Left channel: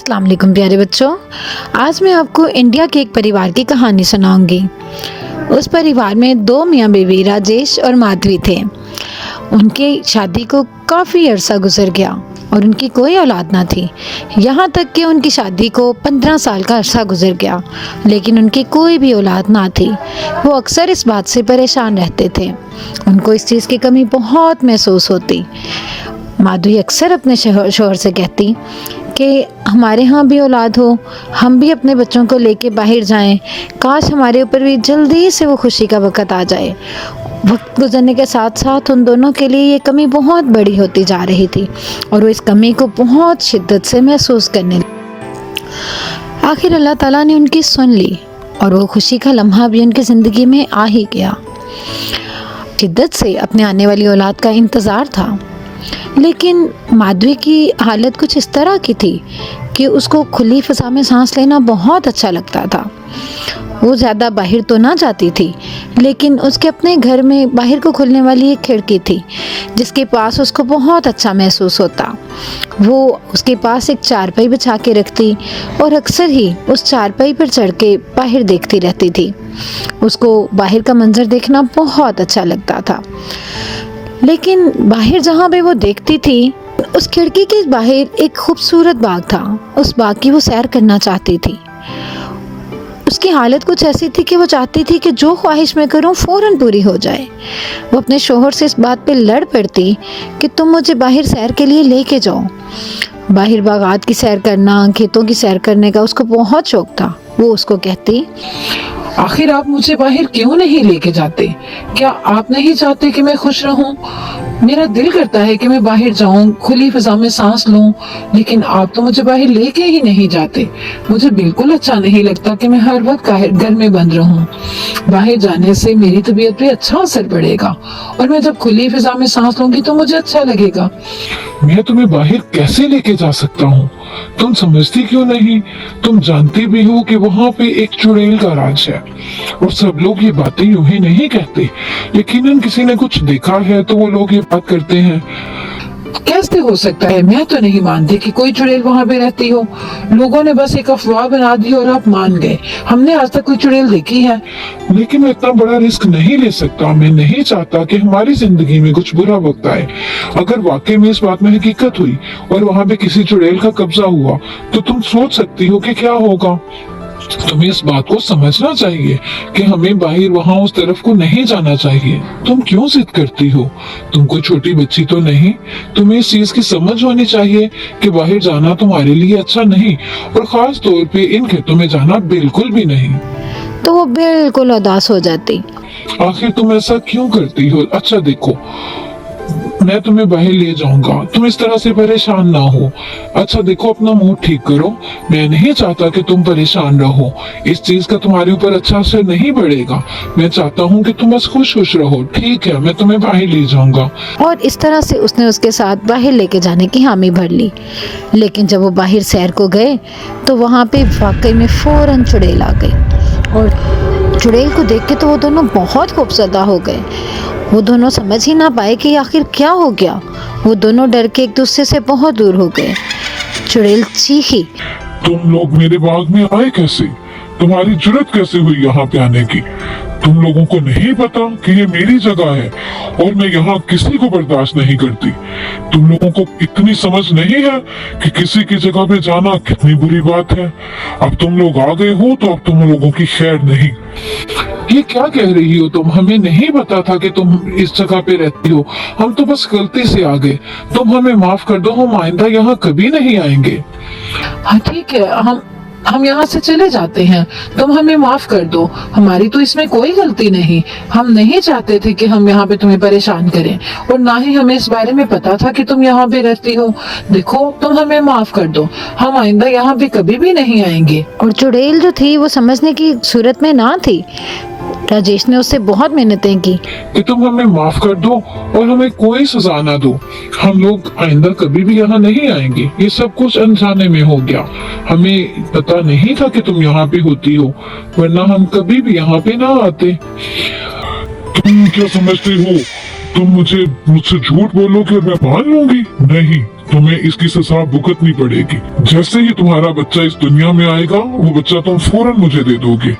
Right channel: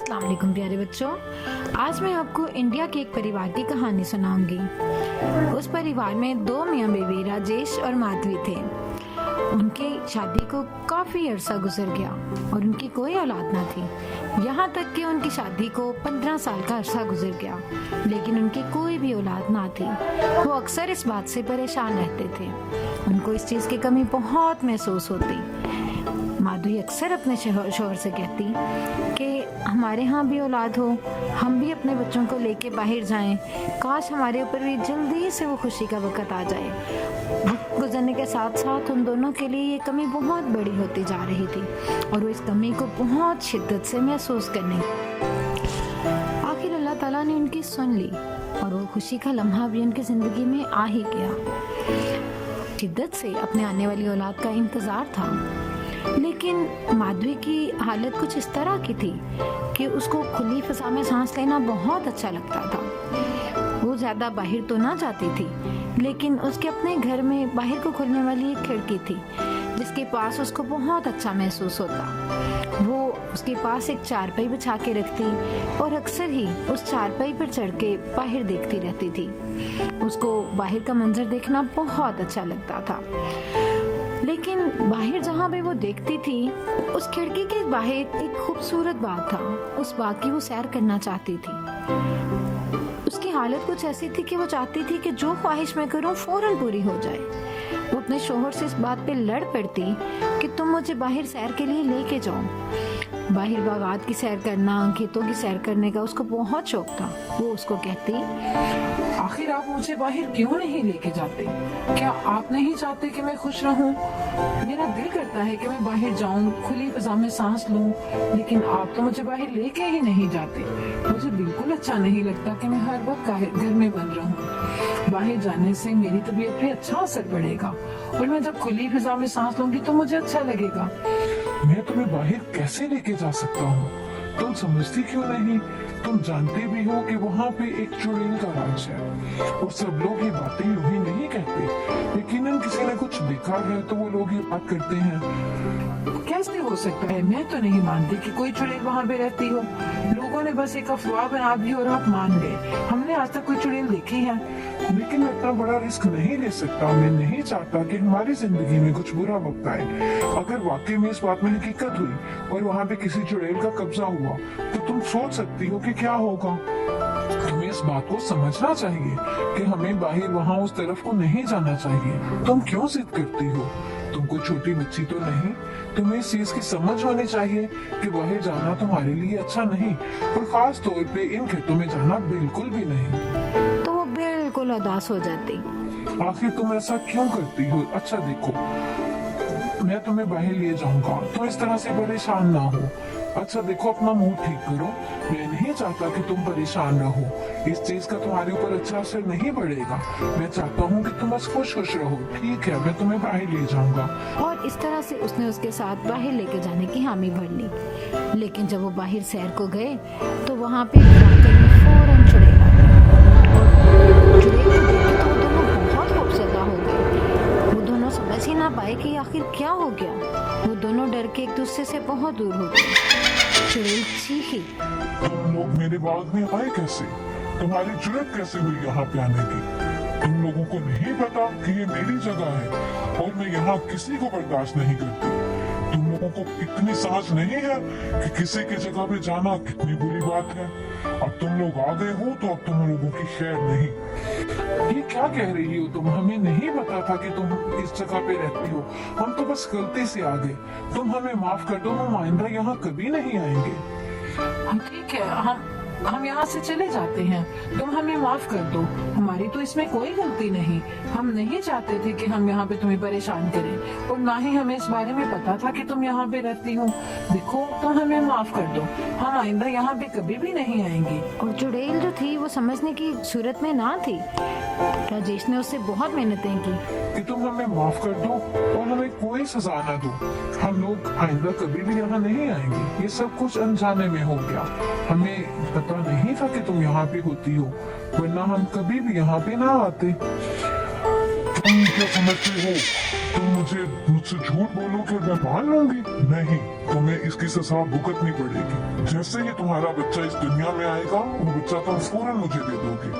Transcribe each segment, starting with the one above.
अस्सलाम वालेकुम प्यारे बच्चों। आज मैं आपको इंडिया के एक परिवार की कहानी सुनाऊंगी। उस परिवार में दो मियाँ बीवी राजेश और माधवी थे। उनकी शादी को काफ़ी अरसा गुजर गया और उनकी कोई औलाद ना थी। यहाँ तक कि उनकी शादी को 15 साल का अरसा गुजर गया, लेकिन उनकी कोई भी औलाद ना थी। वो अक्सर इस बात से परेशान रहते थे। उनको इस चीज़ की कमी बहुत महसूस होती। माधवी अक्सर अपने शोहर से कहती कि हमारे यहाँ भी औलाद हो, हम भी अपने बच्चों को लेके बाहर जाएं। काश हमारे ऊपर भी जल्दी से वो खुशी का वक़्त आ जाए। वक्त गुजरने के साथ साथ उन दोनों के लिए ये कमी बहुत बड़ी होती जा रही थी और वो इस कमी को बहुत शिद्दत से महसूस करने लगे। आखिर अल्लाह ताला ने उनकी सुन ली और वो खुशी का लम्हा भी उनकी ज़िंदगी में आ ही गया। शिद्दत से अपने आने वाली औलाद का इंतज़ार था, लेकिन माधवी की हालत कुछ इस तरह की थी कि उसको खुली फ़ज़ा में सांस लेना बहुत अच्छा लगता था। वो ज़्यादा बाहर तो ना जाती थी, लेकिन उसके अपने घर में बाहर को खुलने वाली एक खिड़की थी जिसके पास उसको बहुत अच्छा महसूस होता। वो उसके पास एक चारपाई बिछा के रखती और अक्सर ही उस चारपाई पर चढ़ के बाहर देखती रहती थी। उसको बाहर का मंजर देखना बहुत अच्छा लगता था। लेकिन बाहर जहाँ पे वो देखती थी, उस खिड़की के बाहर एक खूबसूरत बाग था। उस बाग की वो सैर करना चाहती थी। उसकी हालत कुछ ऐसी थी कि वो चाहती थी कि जो ख्वाहिश मैं करूं फौरन पूरी हो जाए। वो अपने शोहर से इस बात पे लड़ पड़ती कि तुम मुझे बाहर सैर के लिए लेके जाओ। बाहर बागात की सैर करना, खेतों की सैर करने का उसको बहुत शौक था। वो उसको कहती, आखिर आप मुझे बाहर क्यों नहीं लेके जाते? क्या आप नहीं चाहते कि मैं खुश रहूं? मेरा दिल करता है कि मैं बाहर जाऊं, खुली फिजा में सांस लूं, लेकिन आप तो मुझे बाहर लेके ही नहीं जाते। मुझे बिल्कुल अच्छा नहीं लगता कि मैं हर वक्त घर में बंद रहूं। बाहर जाने से मेरी तबीयत पे अच्छा असर पड़ेगा और मैं जब खुली फिजा में सांस लूंगी तो मुझे अच्छा लगेगा। मैं तुम्हें बाहर कैसे लेके जा सकता हूँ? तुम समझती क्यों नहीं? तुम जानती भी हो कि वहाँ पे एक चुड़ैल का राज है और सब लोग ये बातें यूं ही नहीं कहते। यकीनन किसी ने कुछ देखा है तो वो लोग ये बात करते हैं। कैसे हो सकता है? मैं तो नहीं मानती कि कोई चुड़ैल वहाँ पे रहती हो। लोगों ने बस एक अफवाह बना दी और आप मान गए। हमने आज तक कोई चुड़ैल देखी है? लेकिन मैं इतना बड़ा रिस्क नहीं ले सकता। मैं नहीं चाहता कि हमारी जिंदगी में कुछ बुरा वक्त आए। अगर वाकई में इस बात में हकीकत हुई और वहाँ पे किसी चुड़ैल का कब्जा हुआ तो तुम सोच सकती हो कि क्या होगा। तुम्हें इस बात को समझना चाहिए कि हमें बाहर वहाँ उस तरफ को नहीं जाना चाहिए। तुम क्यों जिद करती हो? तुम कोई छोटी बच्ची तो नहीं। तुम्हें इस चीज की समझ होनी चाहिए कि बाहर जाना तुम्हारे लिए अच्छा नहीं और खास तौर पे इन खेतों में जाना बिल्कुल भी नहीं। तो वो बिल्कुल उदास हो जाती। आखिर तुम ऐसा क्यों करती हो? अच्छा देखो, मैं तुम्हें बाहर ले जाऊंगा, तुम इस तरह से परेशान ना हो। अच्छा देखो, अपना मूड ठीक करो। मैं नहीं चाहता कि तुम परेशान रहो। इस चीज का तुम्हारे ऊपर अच्छा असर नहीं पड़ेगा। मैं चाहता हूँ कि तुम बस खुश खुश रहो। ठीक है, मैं तुम्हें बाहर ले जाऊंगा। और इस तरह से उसने उसके साथ बाहर लेके जाने की हामी भर ली। लेकिन जब वो बाहर सैर को गए तो वहाँ पे वाकई में फौरन चुड़ैल आ गई और चुड़ैल को देख के तो वो दोनों बहुत खौफजदा हो गए। वो दोनों समझ ही ना पाए कि आखिर क्या हो गया। वो दोनों डर के एक दूसरे से बहुत दूर हो गए। चुड़ैल चीखी, तुम लोग मेरे बाग में आए कैसे? तुम्हारी जुर्रत कैसे हुई यहाँ पे आने की? तुम लोगों को नहीं पता कि ये मेरी जगह है और मैं यहाँ किसी को बर्दाश्त नहीं करती। तुम लोगों को इतनी समझ नहीं है कि किसी की जगह पे जाना कितनी बुरी बात है। अब तुम लोग आ गए हो तो अब तुम लोगों की खैर नहीं। ये क्या कह रही हो तुम? हमें नहीं पता था कि तुम इस जगह पे रहती हो। हम तो बस गलती से आ गए। तुम हमें माफ कर दो, हम आइंदा यहाँ कभी नहीं आएंगे। हाँ ठीक है, हम यहाँ से चले जाते हैं। तुम हमें माफ कर दो, हमारी तो इसमें कोई गलती नहीं। हम नहीं चाहते थे कि हम यहाँ पे तुम्हें परेशान करें और ना ही हमें इस बारे में पता था कि तुम यहाँ पे रहती हो। देखो, तुम हमें माफ कर दो, हम आइंदा यहाँ पे कभी भी नहीं आएंगे। और चुड़ैल जो थी वो समझने की सूरत में ना थी। राजेश ने उससे बहुत मेहनतें की कि तुम हमें माफ कर दो और हमें कोई सजा ना दो। हम लोग आइंदा कभी भी यहाँ नहीं आएंगे। ये सब कुछ अनजाने में हो गया। हमें पता नहीं था कि तुम यहाँ पे होती हो, वरना हम कभी भी यहाँ पे ना आते। तुम क्या समझते हो? तुम मुझसे झूठ बोलोगे और मैं मान लूंगी? नहीं, तुम्हें इसकी सजा भुगतनी पड़ेगी। जैसे ही तुम्हारा बच्चा इस दुनिया में आएगा, वो बच्चा तुम फौरन मुझे दे दोगे।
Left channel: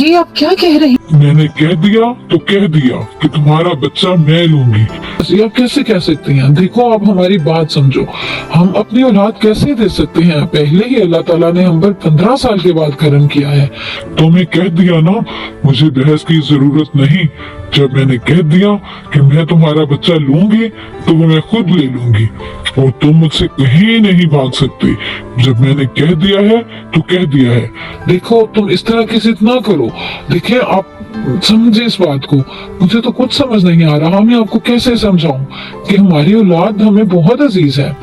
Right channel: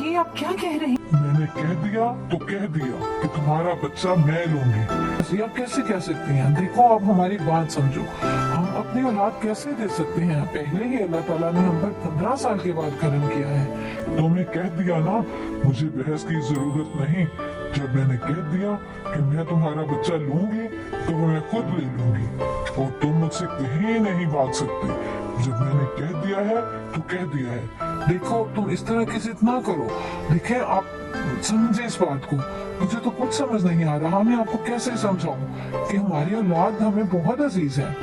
ये आप क्या कह रही मैंने कह दिया तो कह दिया कि तुम्हारा बच्चा मैं लूंगी। हैं? आप कैसे कह सकती हैं? देखो, आप हमारी बात समझो। हम अपनी औलाद कैसे दे सकते हैं? पहले ही अल्लाह ताला ने हम पर 15 साल के बाद करम किया है। तुम्हें कह दिया ना, मुझे बहस की जरूरत नहीं। जब मैंने कह दिया कि मैं तुम्हारा बच्चा लूंगी, तो वो मैं खुद ले लूंगी और तुम मुझसे कहीं नहीं भाग सकते। जब मैंने कह दिया है तो कह दिया है। देखो, तुम इस तरह की जिद ना करो। देखिए, आप समझे इस बात को। मुझे तो कुछ समझ नहीं आ रहा, मैं आपको कैसे समझाऊं कि हमारी औलाद हमें बहुत अजीज है।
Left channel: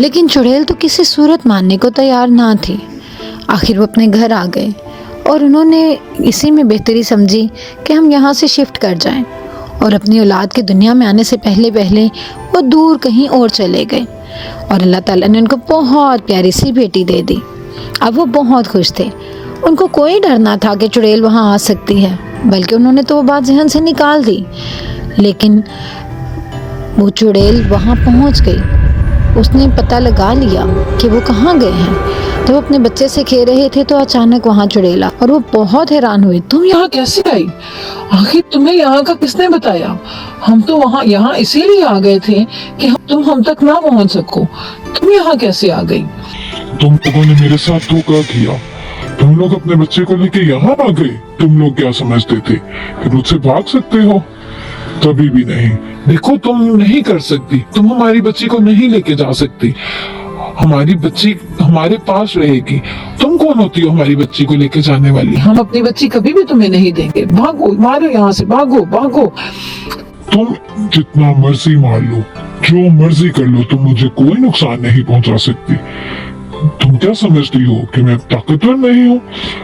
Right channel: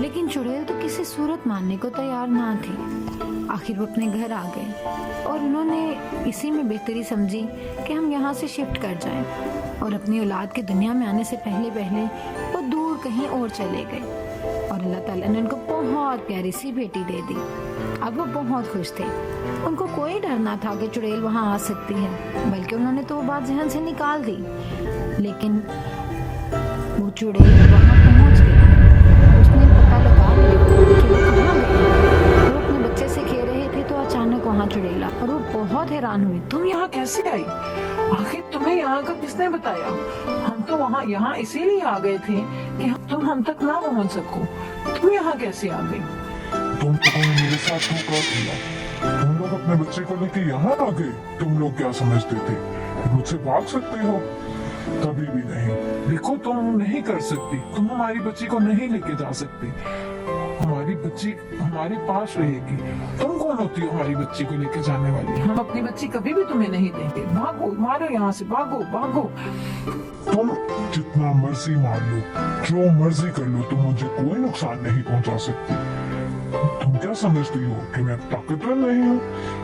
लेकिन चुड़ैल तो किसी सूरत मानने को तैयार ना थी। आखिर वो अपने घर आ गए और उन्होंने इसी में बेहतरी समझी कि हम यहाँ से शिफ्ट कर जाएं और अपनी औलाद के दुनिया में आने से पहले पहले वो दूर कहीं और चले गए और अल्लाह ताला ने उनको बहुत प्यारी सी बेटी दे दी। अब वो बहुत खुश थे। उनको कोई डर ना था कि चुड़ैल वहाँ आ सकती है, बल्कि उन्होंने तो वो बात जहन से निकाल दी। लेकिन वो चुड़ैल वहाँ पहुँच गई। उसने पता लगा लिया कि वो कहाँ गए हैं। तो वो अपने बच्चे से खेल रहे थे तो अचानक वहाँ चुड़ैल आ और वो बहुत हैरान हुई। तुम यहाँ कैसे आई? आखिर तुम्हें यहाँ का किसने बताया? हम तो वहाँ यहाँ इसीलिए आ गए थे कि तुम हम तक ना पहुँच सको। तुम यहाँ कैसे आ गई? तुम लोगों ने मेरे साथ धोखा किया। तुम लोग अपने बच्चे को लेके यहाँ आ गए। तुम लोग क्या समझते थे कि मुझसे भाग सकते हो? कभी भी नहीं। देखो, तुम नहीं कर सकती। तुम हमारी बच्ची को नहीं लेके जा सकती। हमारी बच्ची हमारे पास रहेगी। तुम कौन होती हो हमारी बच्ची को लेके जाने वाली? हम अपनी बच्ची कभी भी तुम्हें नहीं देंगे। भागो, मारो यहाँ से, भागो भागो। तुम जितना मर्जी मार लो, जो मर्जी कर लो, तुम मुझे कोई नुकसान नहीं पहुंचा सकती। तुम क्या समझती हो कि मैं ताकतवर नहीं हूँ?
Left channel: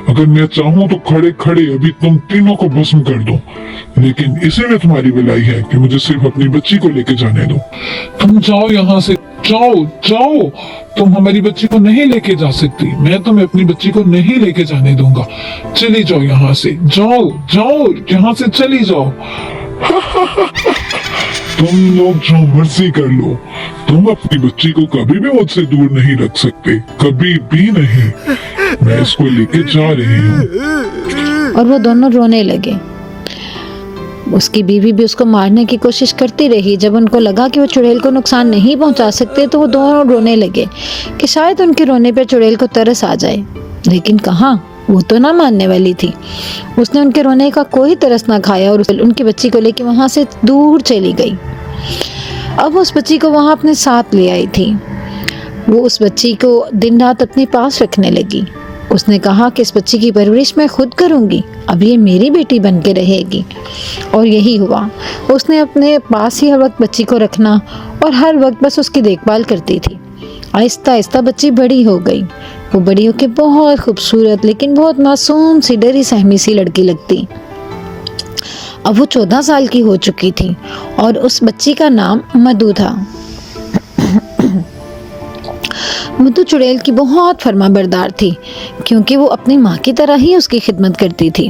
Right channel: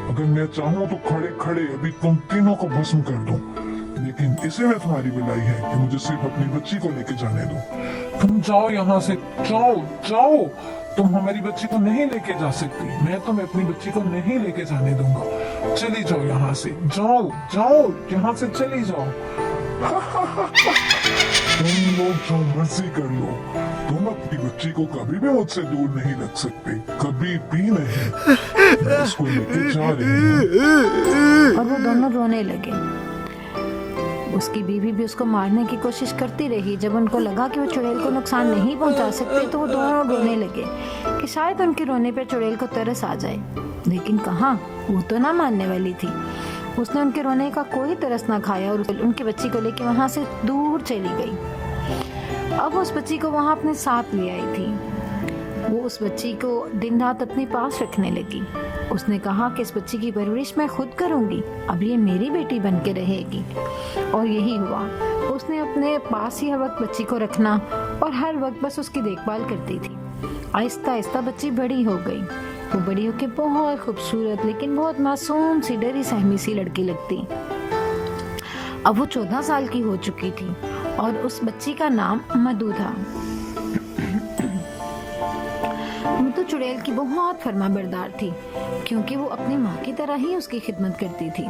अगर मैं चाहूँ तो खड़े खड़े अभी तुम तीनों को भस्म कर दूं। लेकिन इसी में तुम्हारी भलाई है कि मुझे सिर्फ अपनी बच्ची को लेके जाने दो। तुम जाओ यहाँ से, जाओ जाओ। तुम हमारी बच्ची को नहीं लेके जा सकती। मैं तुम्हें अपनी बच्ची को नहीं लेके जाने दूंगा। चली जाओ यहाँ से, जाओ जाओ, यहाँ से चली जाओ। तुम लोग जो मर्जी कर लो, तुम अपनी बच्ची को कभी भी मुझसे दूर नहीं रख सकते। कभी भी नहीं। मैं इसको लेके जा रही हूँ। और वो दोनों रोने लगे। उसकी बीवी भी उसको मारने की कोशिश करती रही। जब उनको लगा कि वो चुड़ैल को नुकसान नहीं पहुंचा सकते तो वो दोनों रोने लगे कि शायद उनके रोने पर चुड़ैल को तरस आ जाए। लेकिन कहाँ, वो तो ना मानने वाली थी। उसने उनके रोने का कोई तरस ना खाया और उनकी बच्ची को लेकर वहां से दूर चली गई। अब उस बच्ची को वहां अपने साथ ले आई थी। वो उस बच्ची को दिन रात अपने पास रखने लगी। उसने कहा कि इस बच्ची की परवरिश मैं खुद करूंगी, अब ये मेरी बेटी बन के रहेगी। और यही हुआ। उसने अपने पास ही हर वक्त बच्ची को रखना और हर वक्त बस उसकी देखभाल करती थी। आहिस्ता आहिस्ता बच्ची बड़ी हो गई। वो बड़ी होकर बहुत खूबसूरत लेकिन बहुत मासूम सी, डरी सहमी सी लड़की लगती। अब वो 14 साल की हो चुकी थी और उस बच्ची का नाम मधु था। मधु चुड़ैल की बहुत फर्माबरदार थी क्योंकि वो अपनी माँ की तरह ही उसकी खिदमत करती थी।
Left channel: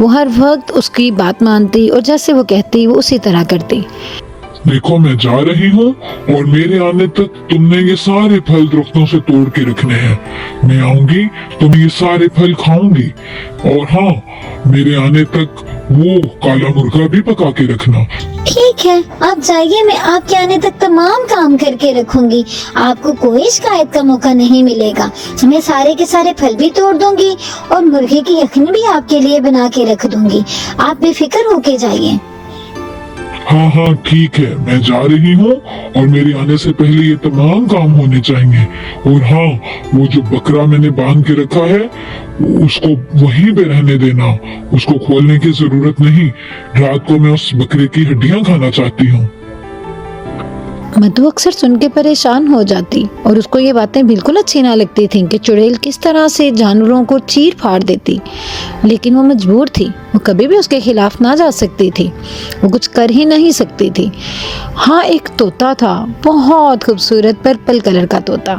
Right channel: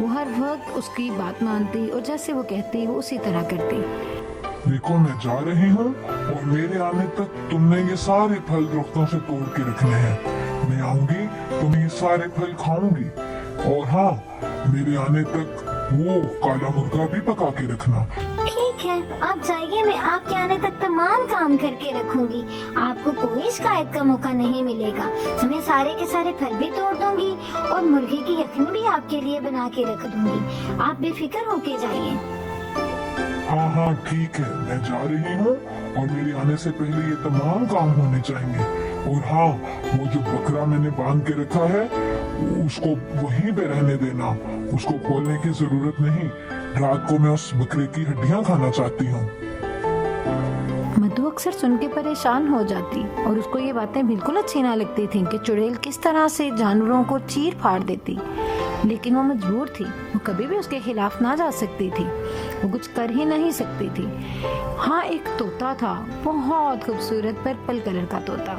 वो हर वक्त उसकी बात मानती और जैसे वो कहती वो उसी तरह करती। देखो, मैं जा रही हूँ और मेरे आने तक तुमने ये सारे फल दरख्तों से तोड़ के रखने हैं। मैं आऊंगी तो मैं ये सारे फल खाऊंगी। और हाँ, मेरे आने तक वो काला मुर्गा भी पका के रखना। ठीक है, आप जाइए। मैं आपके आने तक तमाम काम करके रखूंगी। आपको कोई शिकायत का मौका नहीं मिलेगा। मैं सारे के सारे फल भी तोड़ दूंगी और मुर्गे की यखनी भी आपके लिए बना के रख दूंगी। आप बेफिक्र होके जाइए। हाँ हाँ ठीक है, मैं जा रही हूँ और मेरे आने से पहले ये तमाम काम होने चाहिए। और हाँ, वो जो बकरा मैंने बांध के रखा है उसको वहीं पे रहने देना। उसको खोलने की जरूरत नहीं। रात को मैं उस बकरे की हड्डियां खाना चाहती हूँ। मधु अक्सर सुन के परेशान हो जाती और उसको ये बातें बिल्कुल अच्छी ना लगती थीं कि चुड़ैल किस तरह से जानवरों को चीर फाड़ देती। लेकिन वो मजबूर थी। वो कभी भी उसके खिलाफ ना जा सकती थी। वो कुछ कर ही नहीं सकती थी। हाँ, एक तोता था, बहुत खूबसूरत पर्पल कलर का तोता,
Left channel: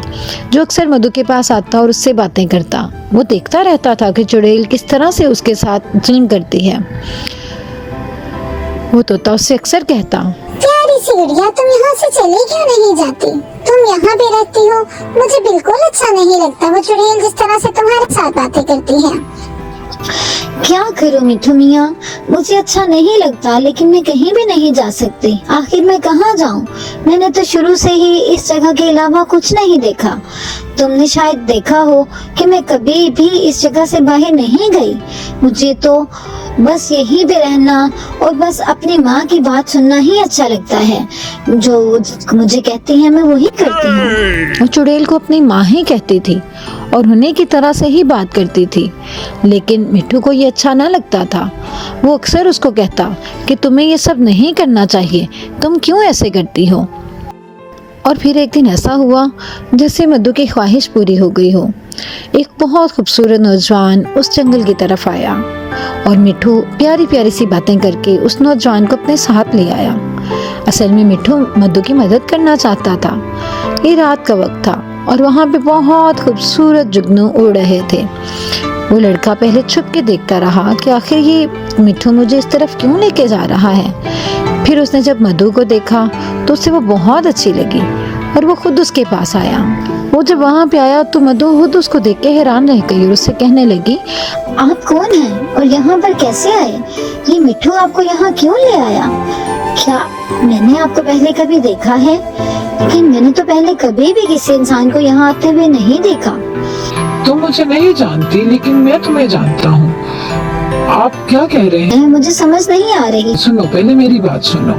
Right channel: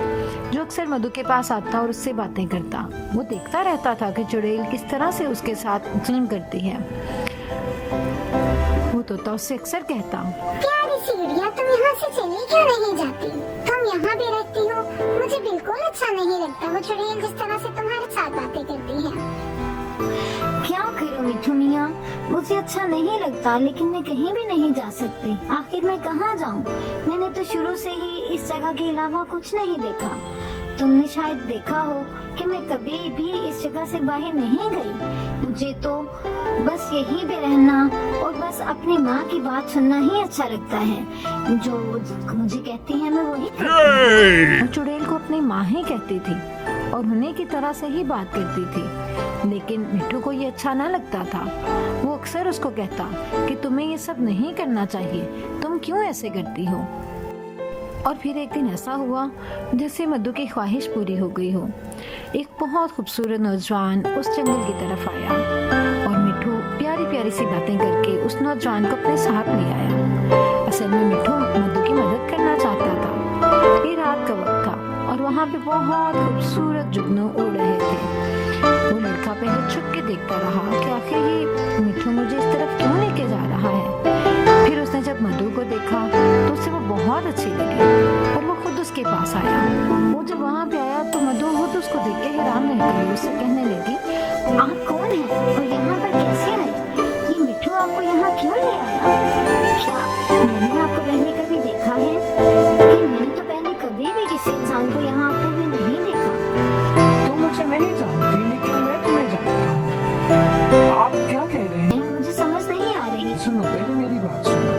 जो अक्सर मधु के पास आता और उससे बातें करता। वो देखता रहता था कि चुड़ैल किस तरह से उसके साथ जुल्म करती है। वो तोता उससे अक्सर कहता, प्यारी सी चिड़िया, तुम यहाँ से चली क्यों नहीं जाती? तुम यहाँ भी रहती हो, मुझे बिल्कुल अच्छा नहीं लगता वो चुड़ैल जिस तरह से तुम्हारे साथ बातें करती है। क्या करूं मिठू मियाँ, मुझे अच्छा नहीं लगता, लेकिन मैं कहीं भी नहीं जा सकती। आखिर मैं कहाँ जाऊं? मैंने तो शुरू से ही इस जगह के अलावा कुछ नहीं देखा। तुमने शायद देखा हो कि मैं कभी भी इस जगह से बाहर नहीं गई। मुझे तो बस यहीं पे रहना और बस अपनी माँ की बात सुनना ही अच्छा लगता है। जो मुझे कहती है मैं वही करती हूँ। और चुड़ैल को अपनी माँ ही कहती थी और उन्हीं की तरह से ही बात करती थी, लेकिन मिठू को ये अच्छा न लगता था। वो अक्सर उसको कहता कि तुम्हें ये सब नहीं करना चाहिए, तुम क्यों ऐसे करती हो। और फिर एक दिन ऐसा हुआ जैसे मधु की ख्वाहिश पूरी हो गई हो। एक बहुत खूबसूरत नौजवान उस जंगल की तरफ आया और मिठू प्यारी प्यारी सी बातें करके उस नौजवान को अपने साथ ले आया। असल में मिठू मधु की मदद करना चाहता था। ये रात का वक्त था और वहाँ पे बहुत खूबसूरत जुगनू उड़ रहे थे। वो लड़का पहले छुप के देखता रहा कि आखिर ये मिठू मुझे इस तरफ क्यों लेके जा रहा है। फिर उसने जब मधु को देखा तो उसे वो बहुत अच्छी लगी और वो खुद उसके पास आया। वो जब वहाँ पे आया तो मधु खुद उसको देख के हैरान रह गई और उससे कहने लगी, आप कौन हैं और यहाँ पर कैसे आए? ये मिठू आपको यहाँ क्यों ले आया? क्या मैंने आपको पहले कभी देखा है? लेकिन मैंने तो पहले कभी भी किसी इंसान को यहाँ आते हुए नहीं देखा। तुम मुझे नहीं जानती, लेकिन मैं तुम्हें जानता हूँ। आप क्या कह रहे हैं? मुझे समझ नहीं आ रही। सुनो, पहले मेरी बात सुनो।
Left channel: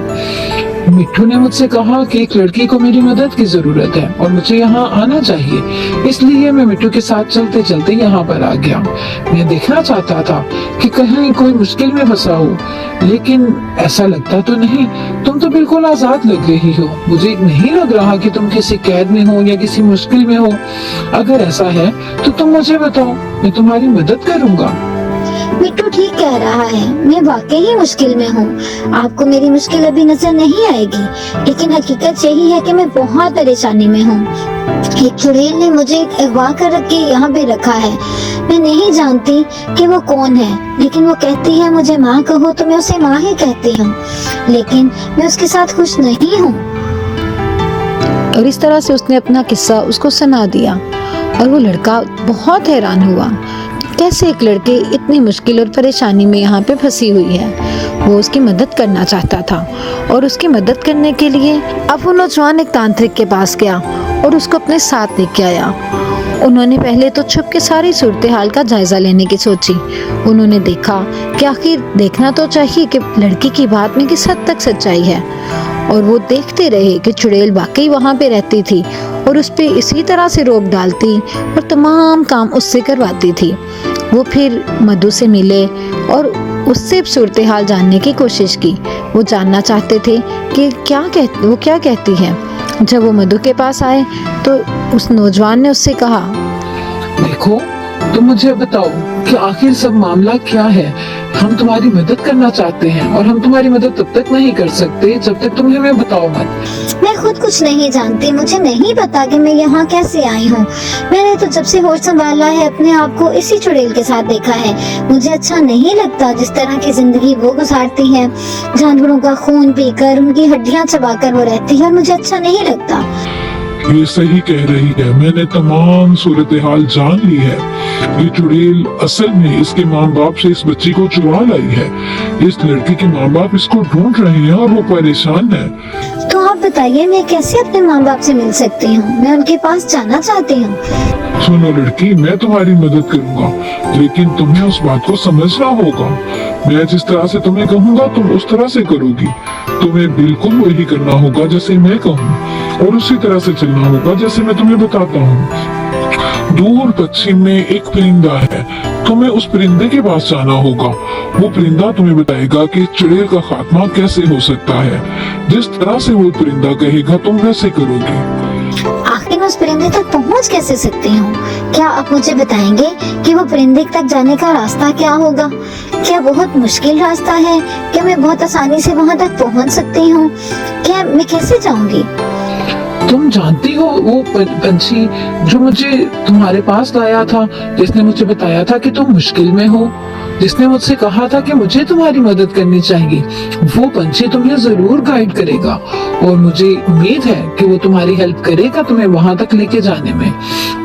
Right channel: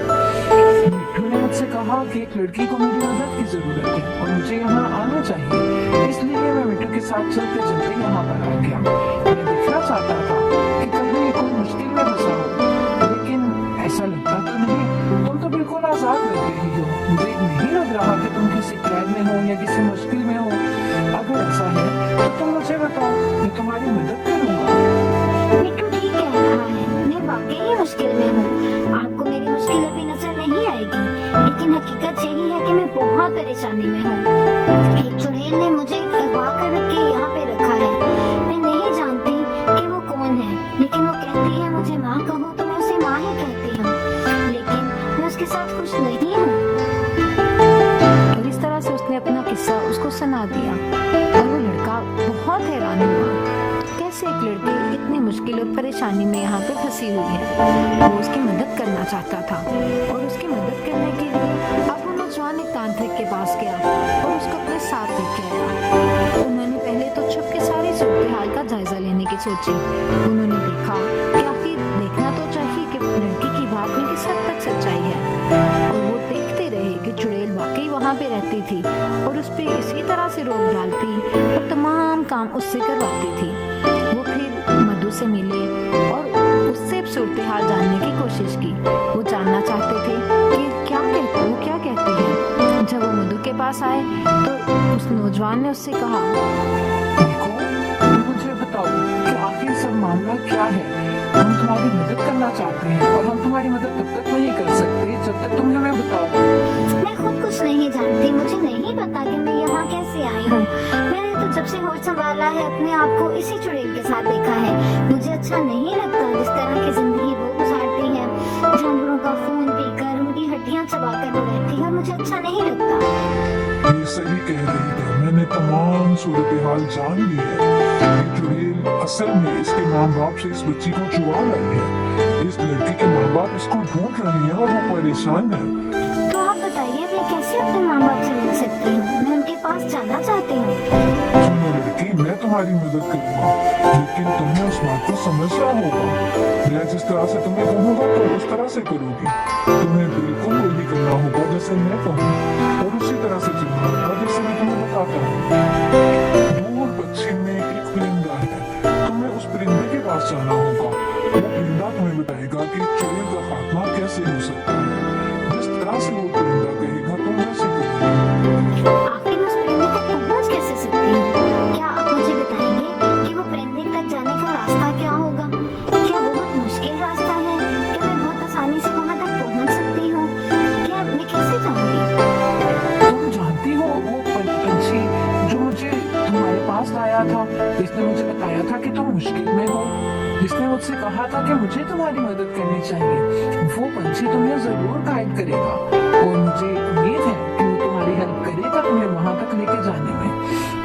मिठू ने मुझसे कहा कि एक लड़की को मेरी मदद की जरूरत है और मुझे यहाँ आना चाहिए, इसलिए मैं मिठू के साथ चलते चलते यहाँ पर आ गया। मैं देखना चाहता था कि कहीं कोई मुश्किल में फंसा हो, लेकिन ऐसा लगता तो नहीं। तुम तो बिल्कुल आजाद लग रही हो। मुझे नहीं लग रहा कि तुम किसी कैद में हो या किसी मुश्किल में हो। अगर ऐसा है तो तुम मुझे बताओ, मैं तुम्हारी मदद करूँगा। मिट्टू ठीक कह रहा है, मैं वाकई ही मुश्किल में हूँ। आपको मेरी मुश्किल अभी नजर नहीं आएगी, लेकिन हकीकत यही है कि मैं बहुत परेशानी में हूँ। एक चुड़ैल ने मुझे अगवा कर रख के यहाँ पे रखा है। मैं नहीं जानती कि वो कौन है, लेकिन वो कहती है मुझे माँ कहो तो मैं उसे माँ ही कहती हूँ, लेकिन मैं उसके साथ खुश नहीं हूँ। और इस तरह से उसने अपना किस्सा उसको सुना दिया और वो लड़का बहुत हैरान हुआ। कैसे एक लड़की इतनी मुश्किल और परेशानी में यहाँ पे फंसी हुई है। वो उसकी मदद करना चाहता था और उसकी मदद करने के लिए अब वो नौजवान एक तांत्रिक के पास गया और उसको अपने साथ लेके आया। उन्होंने पहले तो छुप के सारी सूरत हाल का जायजा लेने की सोची। उन्होंने देखा कि आखिर देखना तो चाहिए कि लड़की की बात में किस हद तक सच्चाई है, और वो देखते रहे कि चुड़ैल वाकई वहाँ पे रहती थी और उस पे इसी तरह से रोक डालती और तमाम काम उससे करवाती थी। वो फिर मधु से मिले और उससे सूरत हाल जानने की कोशिश की। वो जानना चाहते थे कि वो क्या कहती है। जब वो मधु के पास आए तो उस नौजवान ने उससे कहा, देखो, तुम मुझे बताओ कि आखिर सब मामला क्या है। हम तुम्हारी मदद करना चाहते हैं और हम तुम्हारी मदद तब तक नहीं कर सकते जब तक तुम हमें बताओ मत। मैं खुद कुछ नहीं जानती। मुझे नहीं पता कि मैं यहाँ कैसे आई हूँ। मैंने तो जब से होश संभाला है अपने आप को इसी चुड़ैल के साथ देखा है। मुझे अच्छा नहीं लगता जिस तरह की जिंदगी वो गुजारती है। जानवरों का खून पीकर उनकी हड्डियाँ चबाकर वो रहती है और मुझे अच्छा नहीं लगता। ये सही कह रही है, मैंने तमाम सूरत हाल जान ली है। ये चुड़ैल असल में इसके माँ बाप से इस बच्ची को चुरा लाई है। इस लड़की के माँ बाप इसको ढूंढ रहे हैं और वो परेशान है। तो आप बताइए, मैं कैसे अपने माँ बाप से मिल सकती हूँ? मैं उनके पास जाना चाहती हूँ। सुनो लड़की, मैं तुम्हारी मदद करूंगा, लेकिन तुम्हें उस बात को समझना होगा। मैं जिस तरह से तुम्हें कहूँगा तुम उस तरह से करोगी। तुम्हें बिल्कुल वही करना होगा जैसे मैं कहूँ और उसी तरह से चलना होगा जैसे मैं तुम्हें बताता हूँ। दूर पश्चिम में एक परिंदा है, तुम्हें उस परिंदे के पास जाना होगा। वो परिंदा तुम्हें बताएगा कि चुड़ैल का खात्मा कैसे हो सकता है। जिस तरह से वो परिंदा कहेगा तुम वैसे करोगे। आखिर मैं उस परिंदे तक पहुँच कैसे सकती हूँ? क्या आप मुझे बताएंगे कि वो परिंदे तक जाने का रास्ता क्या होगा? क्या बहुत मुश्किल रास्ता है? क्या मैं बहुत आसानी से वहाँ तक पहुँच सकती हूँ? क्या मैं कैसे जाऊँगी? तुम जानती हो वो पंछी जो मुझे तुम्हारे पास लाया था, जिसने मुझे बताया था कि तुम मुश्किल में हो? जिसने मुझसे कहा था कि मुझे तुम्हारी मदद करनी चाहिए, वो पंछी तुम्हें जरूर गाइड करेगा और मुझे उम्मीद है कि वो तुम्हारी हेल्प करेगा तुम्हें वहां तक लेके जाने में।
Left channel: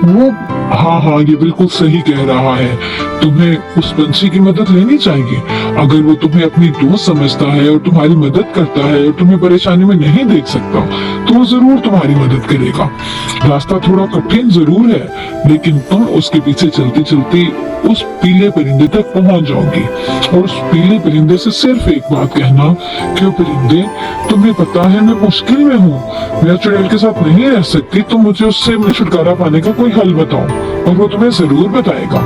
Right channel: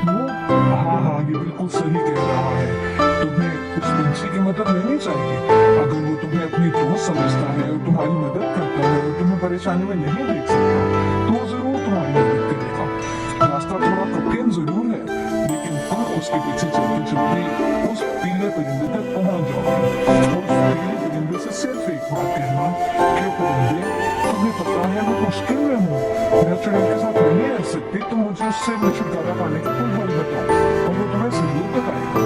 वो हाँ, ये बिल्कुल सही कह रहा है। तुम्हें उस पंछी की मदद लेनी चाहिए। अगर वो तुम्हें अपनी दोस्त समझता है और तुम्हारी मदद करता है और तुम्हें परेशानी में नहीं देख सकता, तो वो जरूर तुम्हारी मदद करेगा। रास्ता थोड़ा कठिन जरूर है, लेकिन तुम उसके पीछे चलते चलते उस पीले परिंदे तक पहुंच जाओगी। और उस पीले परिंदे से सिर्फ एक बात कहना कि वो परिंदे, तुम्हें पता है मैं मुश्किल में हूँ, मैं चुड़ैल के साथ नहीं रह सकती, तुम मुझे उससे छुटकारा पाने का कोई हल बताओ। और वो तुम्हें जरूर बताएगा।